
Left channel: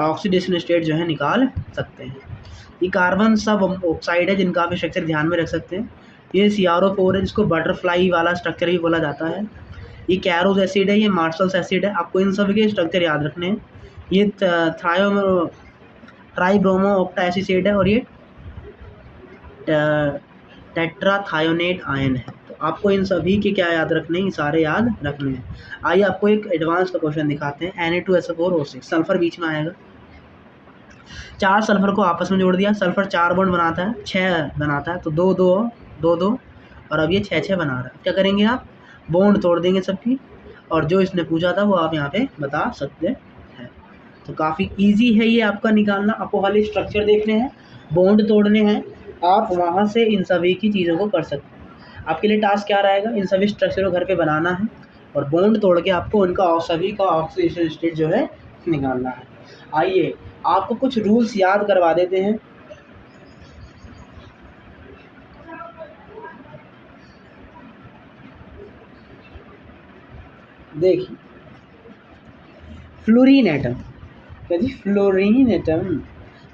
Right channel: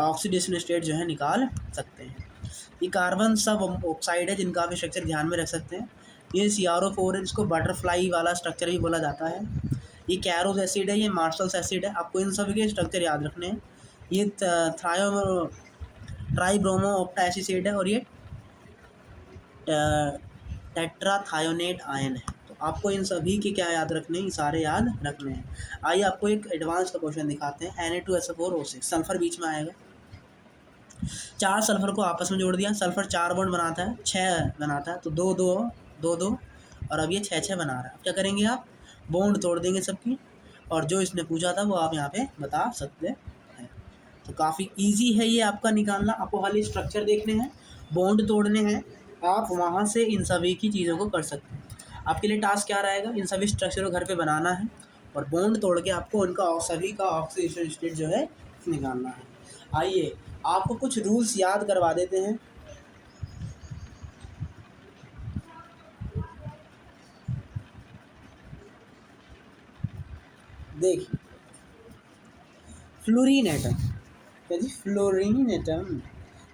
ऑक्सीडेशन स्टेट जो है निकाल सकते हैं। ये कार्बन सब ऑक्साइड है जिनका आप स्ट्रक्चर ध्यान में रख सकते हैं। ये CrO4 है, जिसको बटरफ्लाई वाला स्ट्रक्चर भी बोला जाता है। ये कैरोज एसिड है, ये मार्शल्स एसिड है। आपको इन सभी के स्ट्रक्चर याद रखने हैं। ये ट्राइब्रोमो ऑक्टा एसिड है, और ये टेट्राथायोनेट आयन है। तो आपको इन सभी के क्या याद रखने हैं, ये सारे याद रखने हैं। आइए आपको एक एडवांस का क्वेश्चन दिखाते हैं। Na2SO4O6, सल्फर बीच में आएगा। 4 सल्फर को आपस में जोड़ दिया, सल्फर 4 बॉन्ड बनाता है, 6 बनाता है, तो 2 2 2 2, और अब ये 6 6 बना रहा है। क्या करेंगे आप, बॉन्ड तोड़ देंगे सबकी, और जो इसने पूछा था वो आप यहाँ पे बता सकते हैं। तो काफ़ी इजी है ये आपका निकालना। आपको खाली स्ट्रक्चर देखने हैं, बॉन्ड तोड़ने हैं, आप वहाँ से इन सभी की चीज़ों को कर सकते हैं। आपके लिए टास्क क्या रहेगा, इन सभी स्ट्रक्चर को घर पे बनाना है, और बॉन्ड तोड़ के आपको उनका सभी का ऑक्सीडेशन स्टेट जो है निकालना है। आइए आपको कुछ रूल्स याद करवा देते हैं। देखिए, फ्लोरीन एटम, क्या जी, fluorine atom,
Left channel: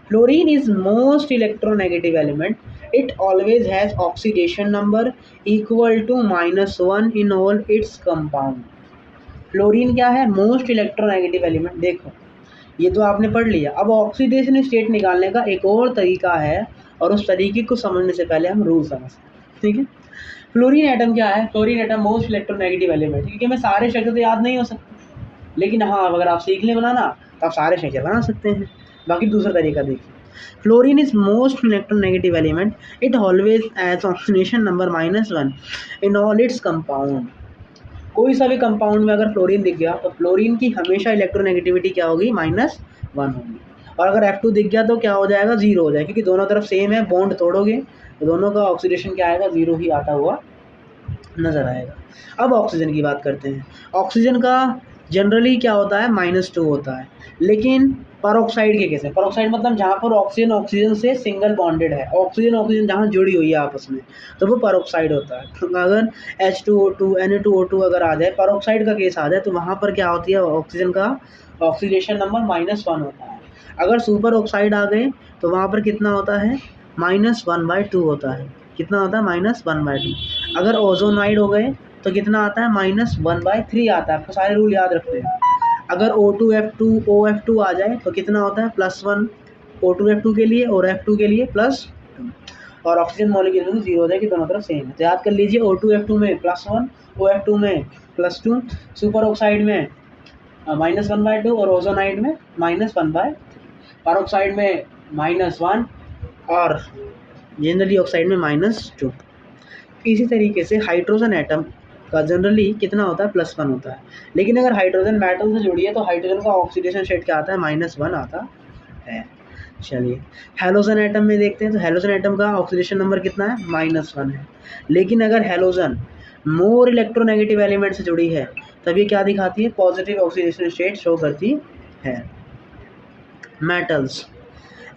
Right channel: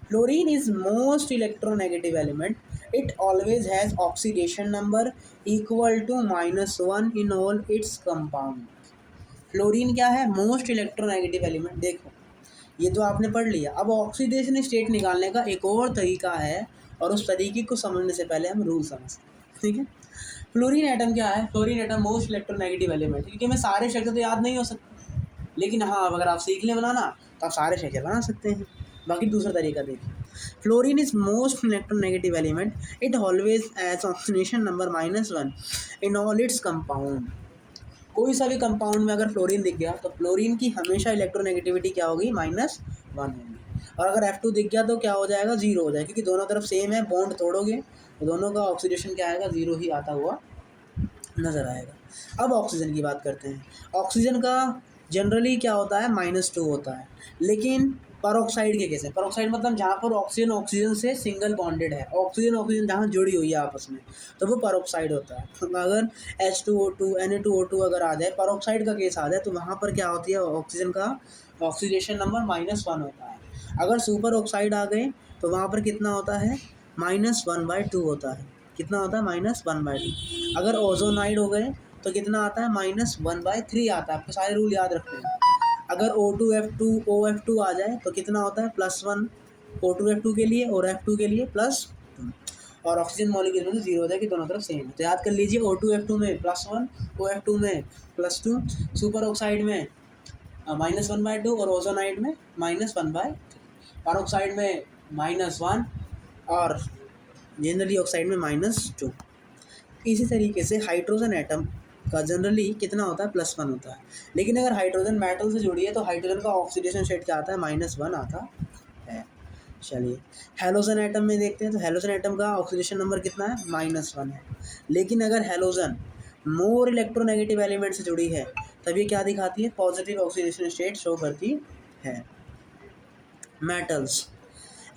fluorine is most electronegative element. It always has oxidation number equal to -1 in all its compound. Fluorine क्या है, मोस्ट इलेक्ट्रोनेगेटिव एलिमेंट। देखो ये तो आपने पढ़ लिया। अब ऑक्सीडेशन स्टेट निकालने का एक और तरीका है, और उस तरीके को समझने से पहले हम रूल समझते हैं, ठीक है। फ्लोरीन एटम क्या है, fluorine atom most electronegative element. क्योंकि हमें सारे स्ट्रक्चर तो याद नहीं हो सकते, लेकिन हाँ अगर आप सीख लें बनाना तो आप सारे स्ट्रक्चर बना सकते हैं। बाकी दूसरा तरीका देखिए, fluorine is most electronegative element. It always has oxidation number -1 in all its compound. कोई सा भी कंपाउंड में अगर फ्लोरीन दिख गया तो फ्लोरीन की हमेशा इलेक्ट्रोनेगेटिविटी क्या होगी, -1 होगी। और अगर F2 दिख गया तो क्या हो जाएगा, 0 हो जाएगा, क्योंकि दोनों तरफ सेम है, बॉन्ड तोड़ोगे तो दोनों का ऑक्सीडेशन क्या आएगा, 0 ही आता हुआ नज़र आएगा। अब ऑक्सीजन की बात करते हैं। ऑक्सीजन का जनरली क्या होता है, -2 होता है, लेकिन परऑक्साइड के केस है, परऑक्साइड मतलब जहाँ पर ऑक्सीजन ऑक्सीजन से सिंगल बॉन्डेड है, ऑक्सीजन ऑक्सीजन जहाँ जुड़ी हुई है आपस में, तो वो परऑक्साइड होता है। अगर H2O2 Na2O2 अगर आ जाए, परऑक्साइड का केस आ जाए, तो वहाँ पर क्या होती है, ऑक्सीजन का ऑक्सीडेशन नंबर -1 होता है। अगर सुपर ऑक्साइड आ गए तो वहाँ पर कितना होता है, -1/2 होता है। कितना होता है, -1/2। अगर ओजोनाइड हो गए तो कितना आता है, -1/3 आता है। आपको सारे रूल याद रखते हैं। अगर O2F2 OF2 आ जाए तो कितना होता है, +1 O2F2 के लिए और F2 के लिए +2, और ऑक्सीजन मॉलिक्यूल में 0 हो जाए कि दोनों तरफ सेम है। तो याद कर लीजिए, O2F2 में +1, OF2 में +2, सुपर ऑक्साइड में -1/2 और ओजोनाइड में -1/3, परऑक्साइड में -1 और जनरली ऑक्साइड में -2। इसी तरीके से हाइड्रोजन एटम का जनरली कितना होता है, +1 होता है, लेकिन अगर हाइड्रोजन मेटल से जुड़ी है तो हाइड्रोजन का ऑक्सीडेशन स्टेट क्या आता है, -1 आता है। चलिए हैलोजन एटम में देखते हैं, तो हैलोजन एटम का ऑक्सीडेशन नंबर कितना है, -1 है। लेकिन अगर हैलोजन मोर इलेक्ट्रोनेगेटिव एलिमेंट से जुड़ी है तब ये क्या दिखाती है, पॉजिटिव ऑक्सीडेशन स्टेट शो करती है। मेटल्स,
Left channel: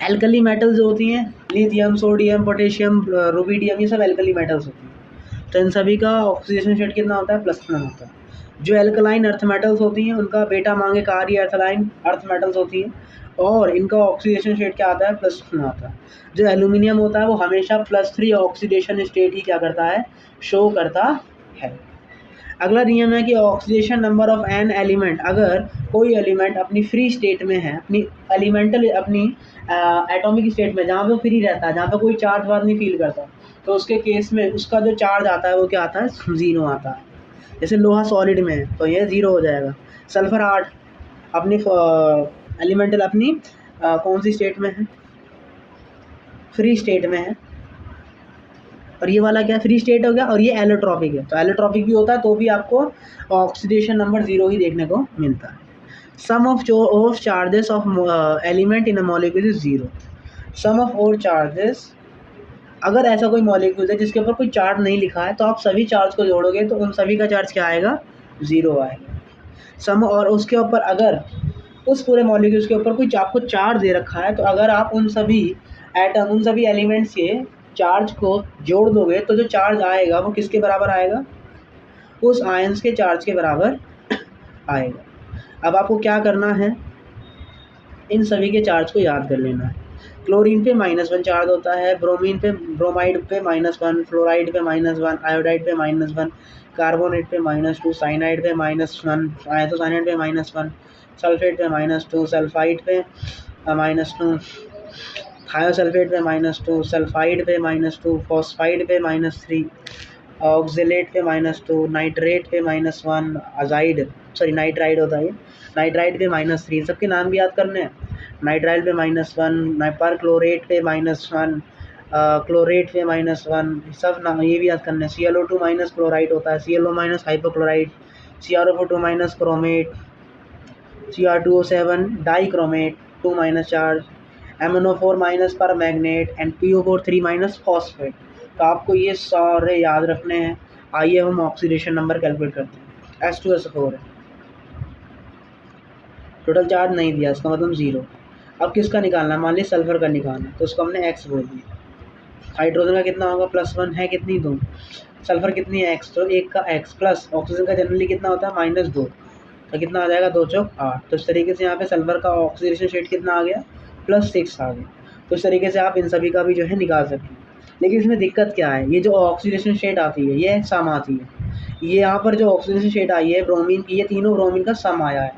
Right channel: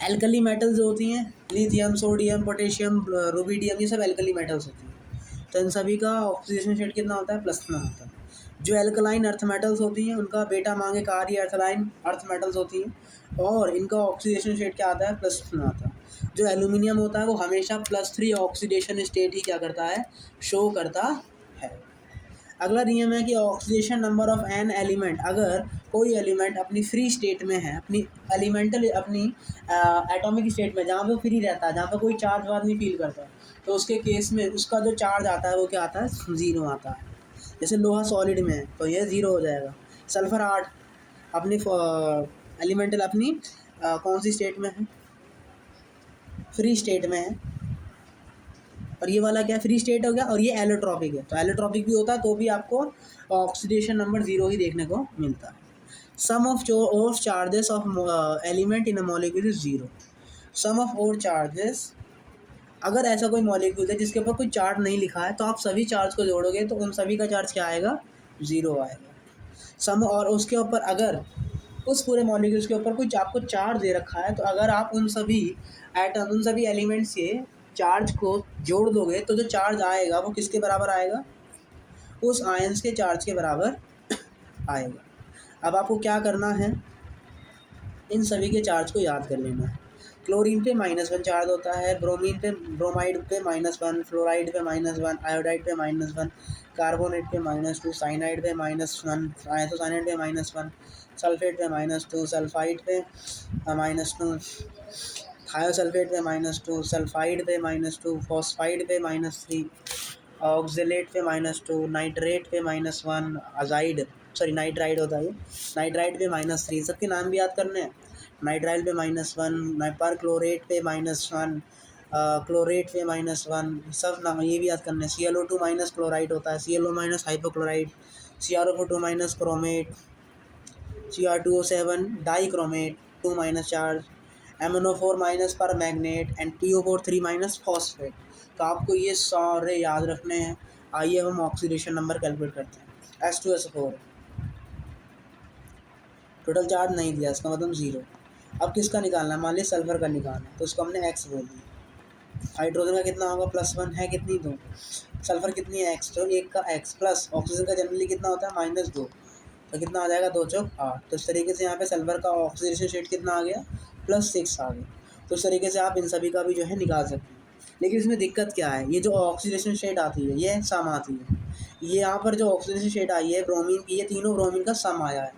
एल्कली मेटल्स जो होती हैं, लिथियम, सोडियम, पोटेशियम, रुबिडियम, ये सब एल्कली मेटल्स होती हैं। तो इन सभी का ऑक्सीडेशन स्टेट कितना होता है, +1 होता है। जो एल्कलाइन अर्थ मेटल्स होती हैं उनका बेटा मांगे कार्य एल्कलाइन अर्थ मेटल्स होती हैं, और इनका ऑक्सीडेशन स्टेट क्या आता है, +1 आता है। जो एल्यूमिनियम होता है वो हमेशा +3 ऑक्सीडेशन स्टेट ही क्या करता है, शो करता है। अगला नियम है कि oxidation number of an element, अगर कोई एलिमेंट अपनी फ्री स्टेट में है, अपनी एलिमेंटल अपनी एटॉमिक स्टेट में, जहाँ पे वो फ्री रहता है, जहाँ पे कोई चार्ज वार्ज नहीं फील करता, तो उसके केस में उसका जो चार्ज आता है वो क्या आता है, 0 आता है। जैसे लोहा सॉलिड में है तो ये 0 हो जाएगा। सल्फर 8 अपनी एलिमेंटल अपनी कौन सी स्टेट में है, फ्री स्टेट में है, और ये वाला क्या, फ्री स्टेट हो गया, और ये एलोट्रॉपिक है, तो एलोट्रॉपिक भी होता है तो भी आपको ऑक्सीडेशन नंबर 0 ही देखने को मिलता है। Sum of charges of element in a molecule is 0। Sum of और चार्जेस, अगर ऐसा कोई मॉलिक्यूल है जिसके ऊपर कोई चार्ज नहीं लिखा है तो आप सभी चार्ज को जोड़ोगे तो उन सभी का चार्ज क्या आएगा, 0 आएगा। सम, और उसके ऊपर अगर उस पूरे मॉलिक्यूल्स के ऊपर कोई आपको चार्ज दे रखा है, तो अगर आप उन सभी एटम, उन सभी एलिमेंट्स के चार्ज को जोड़ दोगे तो जो चार्ज आएगा वो किसके बराबर आएगा, उस आयंस के चार्ज के बराबर आएगा। अब आपको क्या करना है, इन सभी के चार्ज को याद कर लेना है। क्लोरीन पे -1 चार्ज होता है, ब्रोमीन पे, ब्रोमाइड पे -1, फ्लोराइड पे -1, आयोडाइड पे -1, कार्बोनेट पे -2, साइनाइड पे -1, आइसोसाइनाइड पे -1, सल्फेट पे -2, सल्फाइड पे -2, थायोसल्फेट पे -2, सल्फाइड पे -2, फॉस्फाइड पे -3, ऑक्जेलेट पे -2, नाइट्रेट पे -1, अजाइड, सॉरी नाइट्राइड होता है, नाइट्राइड पे -3, सबके नाम भी याद करने हैं। नाइट्राइल पे -1, पर क्लोरेट पे -1, क्लोरेट पे -1, सब नाम ये भी याद करने हैं। ClO2 माइनस क्लोराइड होता है, ClO minus hypochloride, CrO4 minus chromate, Cr2O7 dichromate 2- charge, MnO4 minus permanganate, and PO4 3- phosphate. तो आपको ये सारे याद रखने हैं। आइए हम ऑक्सीडेशन नंबर कैलकुलेट करते हैं। H2SO4 है, टोटल चार्ज नहीं दिया, इसका मतलब 0। अब किसका निकालना है, मान लीजिए सल्फर का निकालना है, तो उसको हमने X बोल दिया। हाइड्रोजन का कितना होगा, +1 है, कितनी 2, सल्फर कितनी है X, तो 1 का X, प्लस ऑक्सीजन का जनरली कितना होता है, -2, तो कितना आ जाएगा, 2 चौक 8। तो इस तरीके से यहाँ पे सल्फर का ऑक्सीडेशन स्टेट कितना आ गया, +6 आ गया। तो इस तरीके से आप इन सभी का भी जो है निकाल सकते हैं। लेकिन इसमें दिक्कत क्या है, ये जो ऑक्सीडेशन स्टेट आती है ये सम आती है, ये यहाँ पर जो ऑक्सीडेशन स्टेट आई है ब्रोमीन की, ये तीनों ब्रोमीन का सम आया है।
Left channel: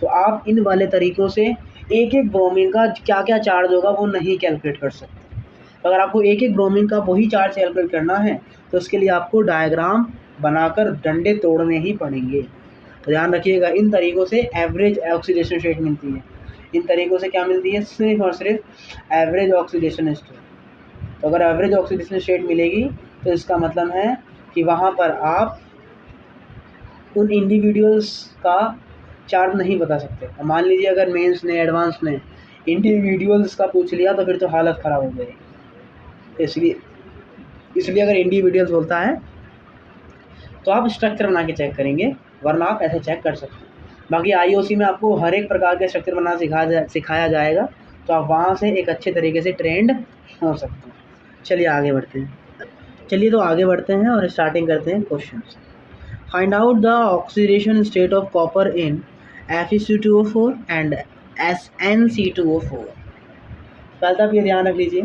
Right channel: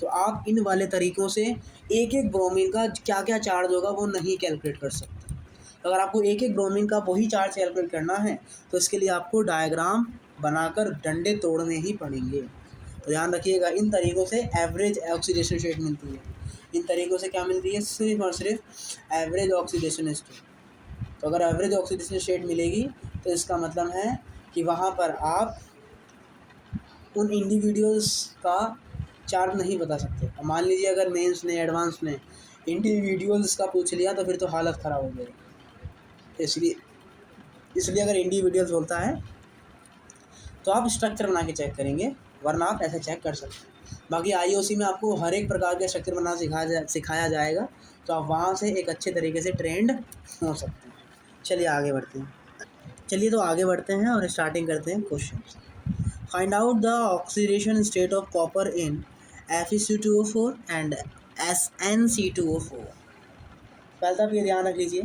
तो आप इन वाले तरीक़ों से एक एक ब्रोमीन का क्या क्या चार्ज होगा वो नहीं कैलकुलेट कर सकते। तो अगर आपको एक एक ब्रोमीन का वही चार्ज कैलकुलेट करना है तो इसके लिए आपको डायग्राम बनाकर डंडे तोड़ने ही पड़ेंगे। तो ध्यान रखिएगा, इन तरीक़ों से एवरेज ऑक्सीडेशन स्टेट मिलती है। इन तरीक़ों से क्या मिलती है, सिर्फ और सिर्फ एवरेज ऑक्सीडेशन स्टेट। तो अगर एवरेज ऑक्सीडेशन स्टेट मिलेगी तो इसका मतलब है कि वहाँ पर आप उन इंडिविजुअल्स का चार्ज नहीं बता सकते। मान लीजिए अगर मेंस ने एडवांस ने इंडिविजुअल्स का पूछ लिया तो फिर तो हालत ख़राब हो जाएगी। इसलिए इसलिए अगर इंडिविजुअल्स बोलता है तो आप स्ट्रक्चर बना के चेक करेंगे, वरना आप ऐसे चेक कर सकते हैं। बाकी आईओसी में आपको हर एक प्रकार के स्ट्रक्चर बनाना सिखाया जाएगा, तो आप वहाँ से एक अच्छे तरीके से ट्रेंड हो सकते हैं। चलिए आगे बढ़ते हैं। चलिए तो आगे बढ़ते हैं और स्टार्टिंग करते हैं क्वेश्चन से। Find out the oxidation state of copper in Fe2O4 and SnC2O4। पहले आप ये ध्यान रख लीजिए,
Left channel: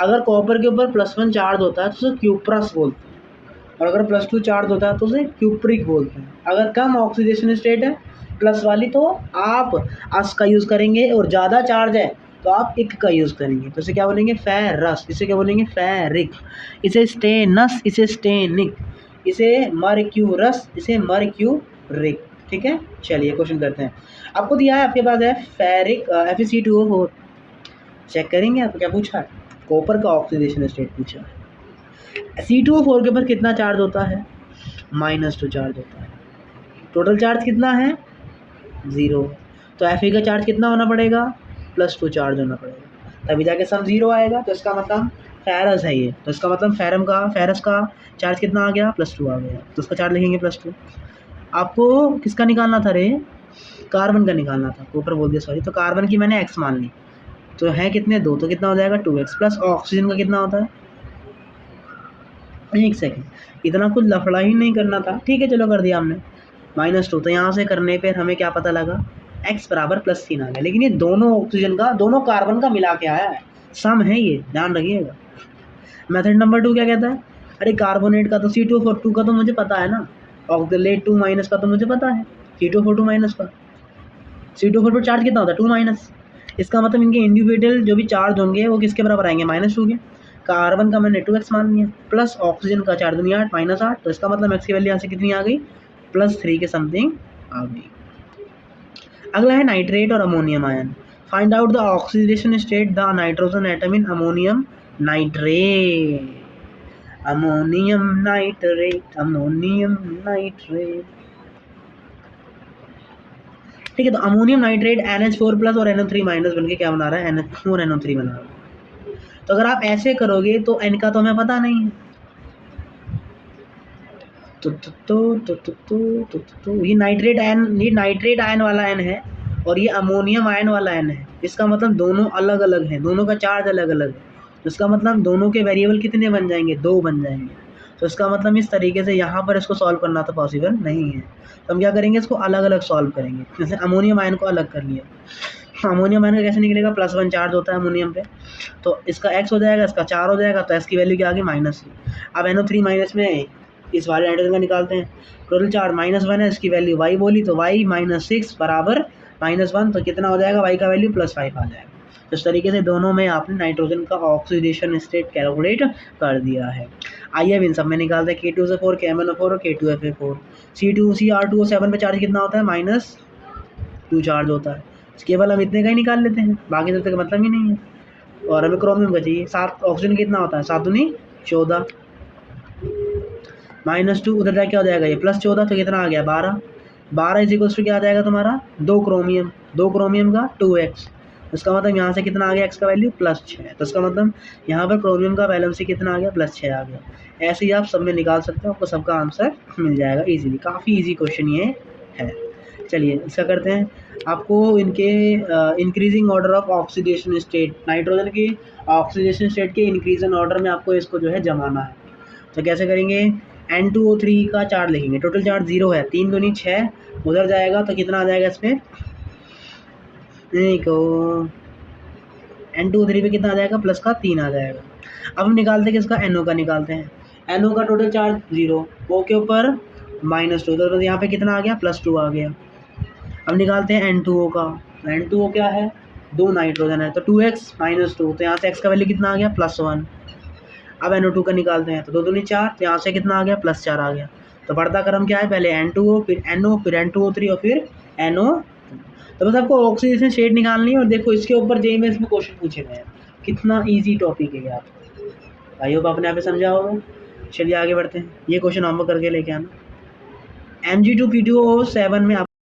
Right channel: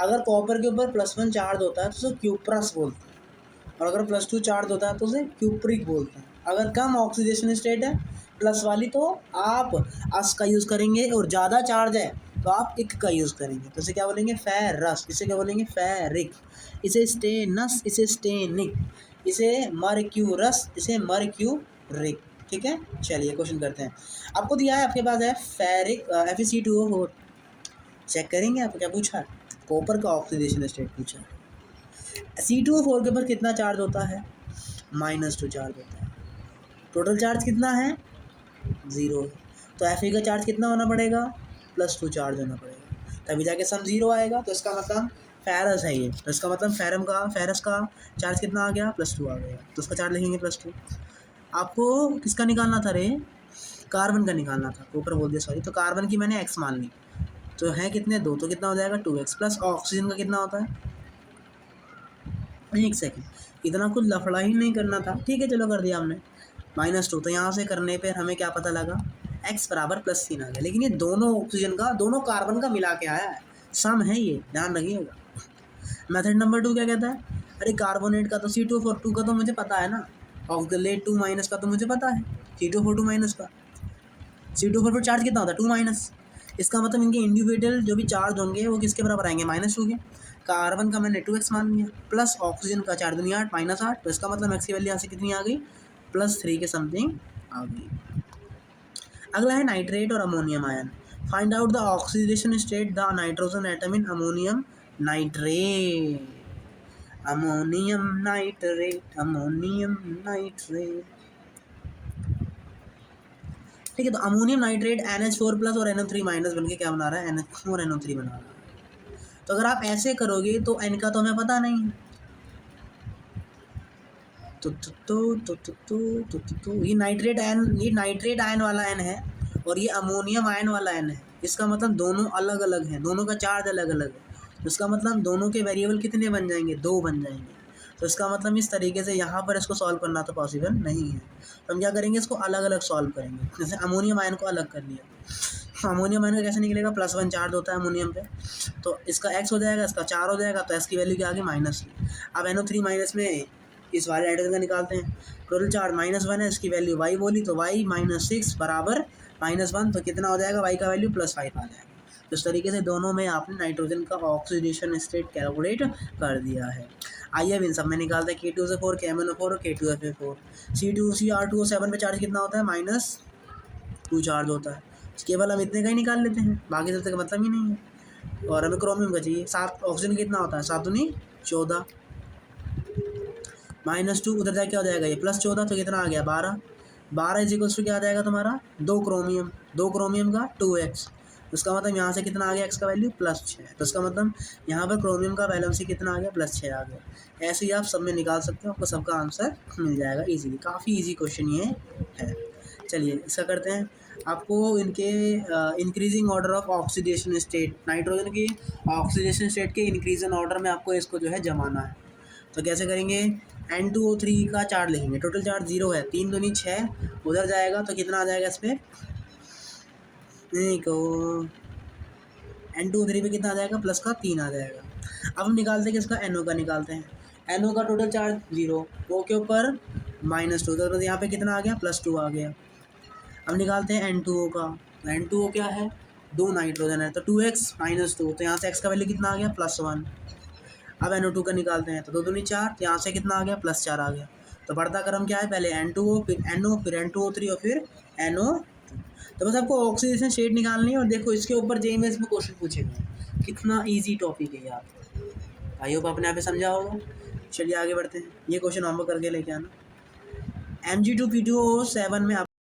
अगर कॉपर के ऊपर +1 चार्ज होता है तो उसे क्यूप्रस बोलते हैं, और अगर +2 चार्ज होता है तो उसे क्यूप्रिक बोलते हैं। अगर कम ऑक्सीडेशन स्टेट है प्लस वाली तो आप अस का यूज़ करेंगे, और ज़्यादा चार्ज है तो आप इक का यूज़ करेंगे। तो इसे क्या बोलेंगे? फेरस। इसे क्या बोलेंगे? फेरिक। इसे स्टेनस, इसे स्टेनिक, इसे मर्क्यूरस, इसे मर्क्यूरिक। ठीक है, चलिए क्वेश्चन करते हैं। आपको दिया है, आपके पास है फेरिक Fe2O4। चेक करेंगे आप क्या पूछा है, कॉपर का ऑक्सीडेशन स्टेट पूछा है। C2O4 के ऊपर कितना चार्ज होता है? -2 चार्ज होता है। टोटल चार्ज कितना है? 0। तो Fe का चार्ज कितना होना पड़ेगा? +2 चार्ज होना पड़ेगा, तभी जाके सम 0 आएगा। तो इसका मतलब फेरस है ये, तो इसका मतलब फेरस का चार्ज कितना आ गया? +2 आ गया, तो उसका चार्ज लिखेंगे +2। आपको किसका निकालना था रे? कार्बन का निकालना था, ऊपर बोल दिया सॉरी। तो कार्बन की मैंने x मान ली, तो है कितने? 2, तो कितना हो जाएगा? 2x। प्लस ऑक्सीजन का कितना होता है? एक सेकेंड, इतना कुछ लफड़ा ही नहीं करना था। ठीक है चलो कर दिया हमने, -2। तो यहाँ से करने पर हमें क्या पता लगा? x बराबर +3 आ गया। लेकिन ये दोनों ऑक्सीजन का, दोनों कार्बन का मिला के आया है, सम है ये, ध्यान रखिएगा। मेथड नंबर 2 क्या कहता है? अरे कार्बोनेट का तो C2O4 का तो मुझे पता है ना, ऑक्सीलेट 2- का तो मुझे पता है, C2O4 2- का। C2O4 पर चार्ज कितना होता है? 2-। इसका मतलब इनके इंडिविजुअल जो भी चार्ज होंगे वो किसके बराबर आएंगे? -2 के। कार्बन का मैंने 2x मान लिया, प्लस ऑक्सीजन का 4 दूनी 8 -8, तो इसका मतलब x की वैल्यू यहाँ से कितनी आ गई? +3 के समथिंग आ गई। अगला है नाइट्रेट और ammonium ion. Find out the oxidation state the nitrogen atom in ammonium nitrate. Ammonium nitrate, ammonium nitrate. ठीक है, तो अमोनियम नाइट्रेट NH4+ और NO3- बनके क्या बना रहा है? NH4 NO3 बना रहा है। तो अगर आप ऐसे करोगे तो N का तो हमें पता नहीं है, तो ये नाइट्रेट आयन वाला N है, और ये अमोनियम आयन वाला N है। इसका मतलब दोनों अलग अलग हैं, दोनों का चार्ज अलग अलग है। तो इसका मतलब दोनों के वेरिएबल कितने बन जाएंगे? 2 बन जाएंगे। तो इसका मतलब इस तरीके से यहाँ पर इसको सॉल्व करना तो पॉसिबल नहीं है। तो हम क्या करेंगे? इसको अलग अलग सॉल्व करेंगे। जैसे अमोनियम आयन को अलग कर लिया, अमोनियम आयन का कैसे निकलेगा? +1 चार्ज होता है अमोनियम पे, तो इसका x हो जाएगा, इसका 4 हो जाएगा, तो x की वैल्यू क्या आ गई? -3। अब NO3- में इस वाले नाइट्रोजन का निकालते हैं, टोटल चार्ज -1 है, इसकी वैल्यू y बोली, तो y -6 बराबर -1, तो कितना हो जाएगा? y का वैल्यू +5 आ जाएगा। तो इस तरीके से दोनों में आपने नाइट्रोजन का ऑक्सीडेशन स्टेट कैलकुलेट कर दिया है। आइए अब इन सब में निकालते हैं। K2SO4, KMnO4 और K2Fa4। Cr2O7 पे चार्ज कितना होता है? -2 चार्ज होता है। केवल हम इतने का ही निकाल लेते हैं, बाकी सबसे का मतलब ही नहीं है। और हमें क्रोमियम का चाहिए। 7 ऑक्सीजन कितना होता है? 7 दूनी 14, -2 उधर जाके क्या हो जाएगा? ये +14, तो कितना आ गया? 12। 12 इज क्या आ जाएगा तुम्हारा? 2 क्रोमियम, 2 क्रोमियम का 2x। इसका मतलब यहाँ से कितना आ गया? x का वैल्यू +6। तो इसका मतलब यहाँ पर क्रोमियम का वैलेंसी कितना आ गया? +6 आ गया। ऐसे ही आप सब में निकाल सकते हो, आपको सबका आंसर मिल जाएगा ईजिली। काफ़ी ईजी क्वेश्चन ये है। चलिए इसका करते हैं। आपको इनके increasing order of oxidation state, nitrogen की ऑक्सीडेशन स्टेट के इंक्रीजन ऑर्डर में आपको इसको जो है जमाना है। तो कैसे करेंगे? N2O3 का चार्ज लिखेंगे, टोटल चार्ज 0 है, 3 दूनी 6, उधर जाएगा तो कितना आ जाएगा? इसमें देखो N2O3 पे कितना आ जाएगा? प्लस का 3 आ जाएगा। अब हम निकालते हैं किसका? NO का निकालते हैं। NO का टोटल चार्ज 0, O के ऊपर -2, तो यहाँ पे कितना आ गया? +2 आ गया। अब निकालते हैं N2O का। तो N2O क्या है? 2 नाइट्रोजन है, तो 2x -2, तो यहाँ से x का वैल्यू कितना आ गया? +1। अब NO2 का निकालते हैं, तो 2 दूनी 4, तो यहाँ से कितना आ गया? +4 आ गया। तो बढ़ता क्रम क्या है? पहले N2O, फिर NO, फिर N2O3 और फिर NO। तो बस आपको ऑक्सीडेशन स्टेट निकालनी है। और देखो इसके ऊपर जेईई में इसमें क्वेश्चन पूछे गए हैं, कितना ईजी टॉपिक है आप। आई होप आपने यहाँ पे समझा होगा। चलिए आगे बढ़ते हैं। ये क्वेश्चन होमवर्क करके लेके आना। Mg2 P2O7 में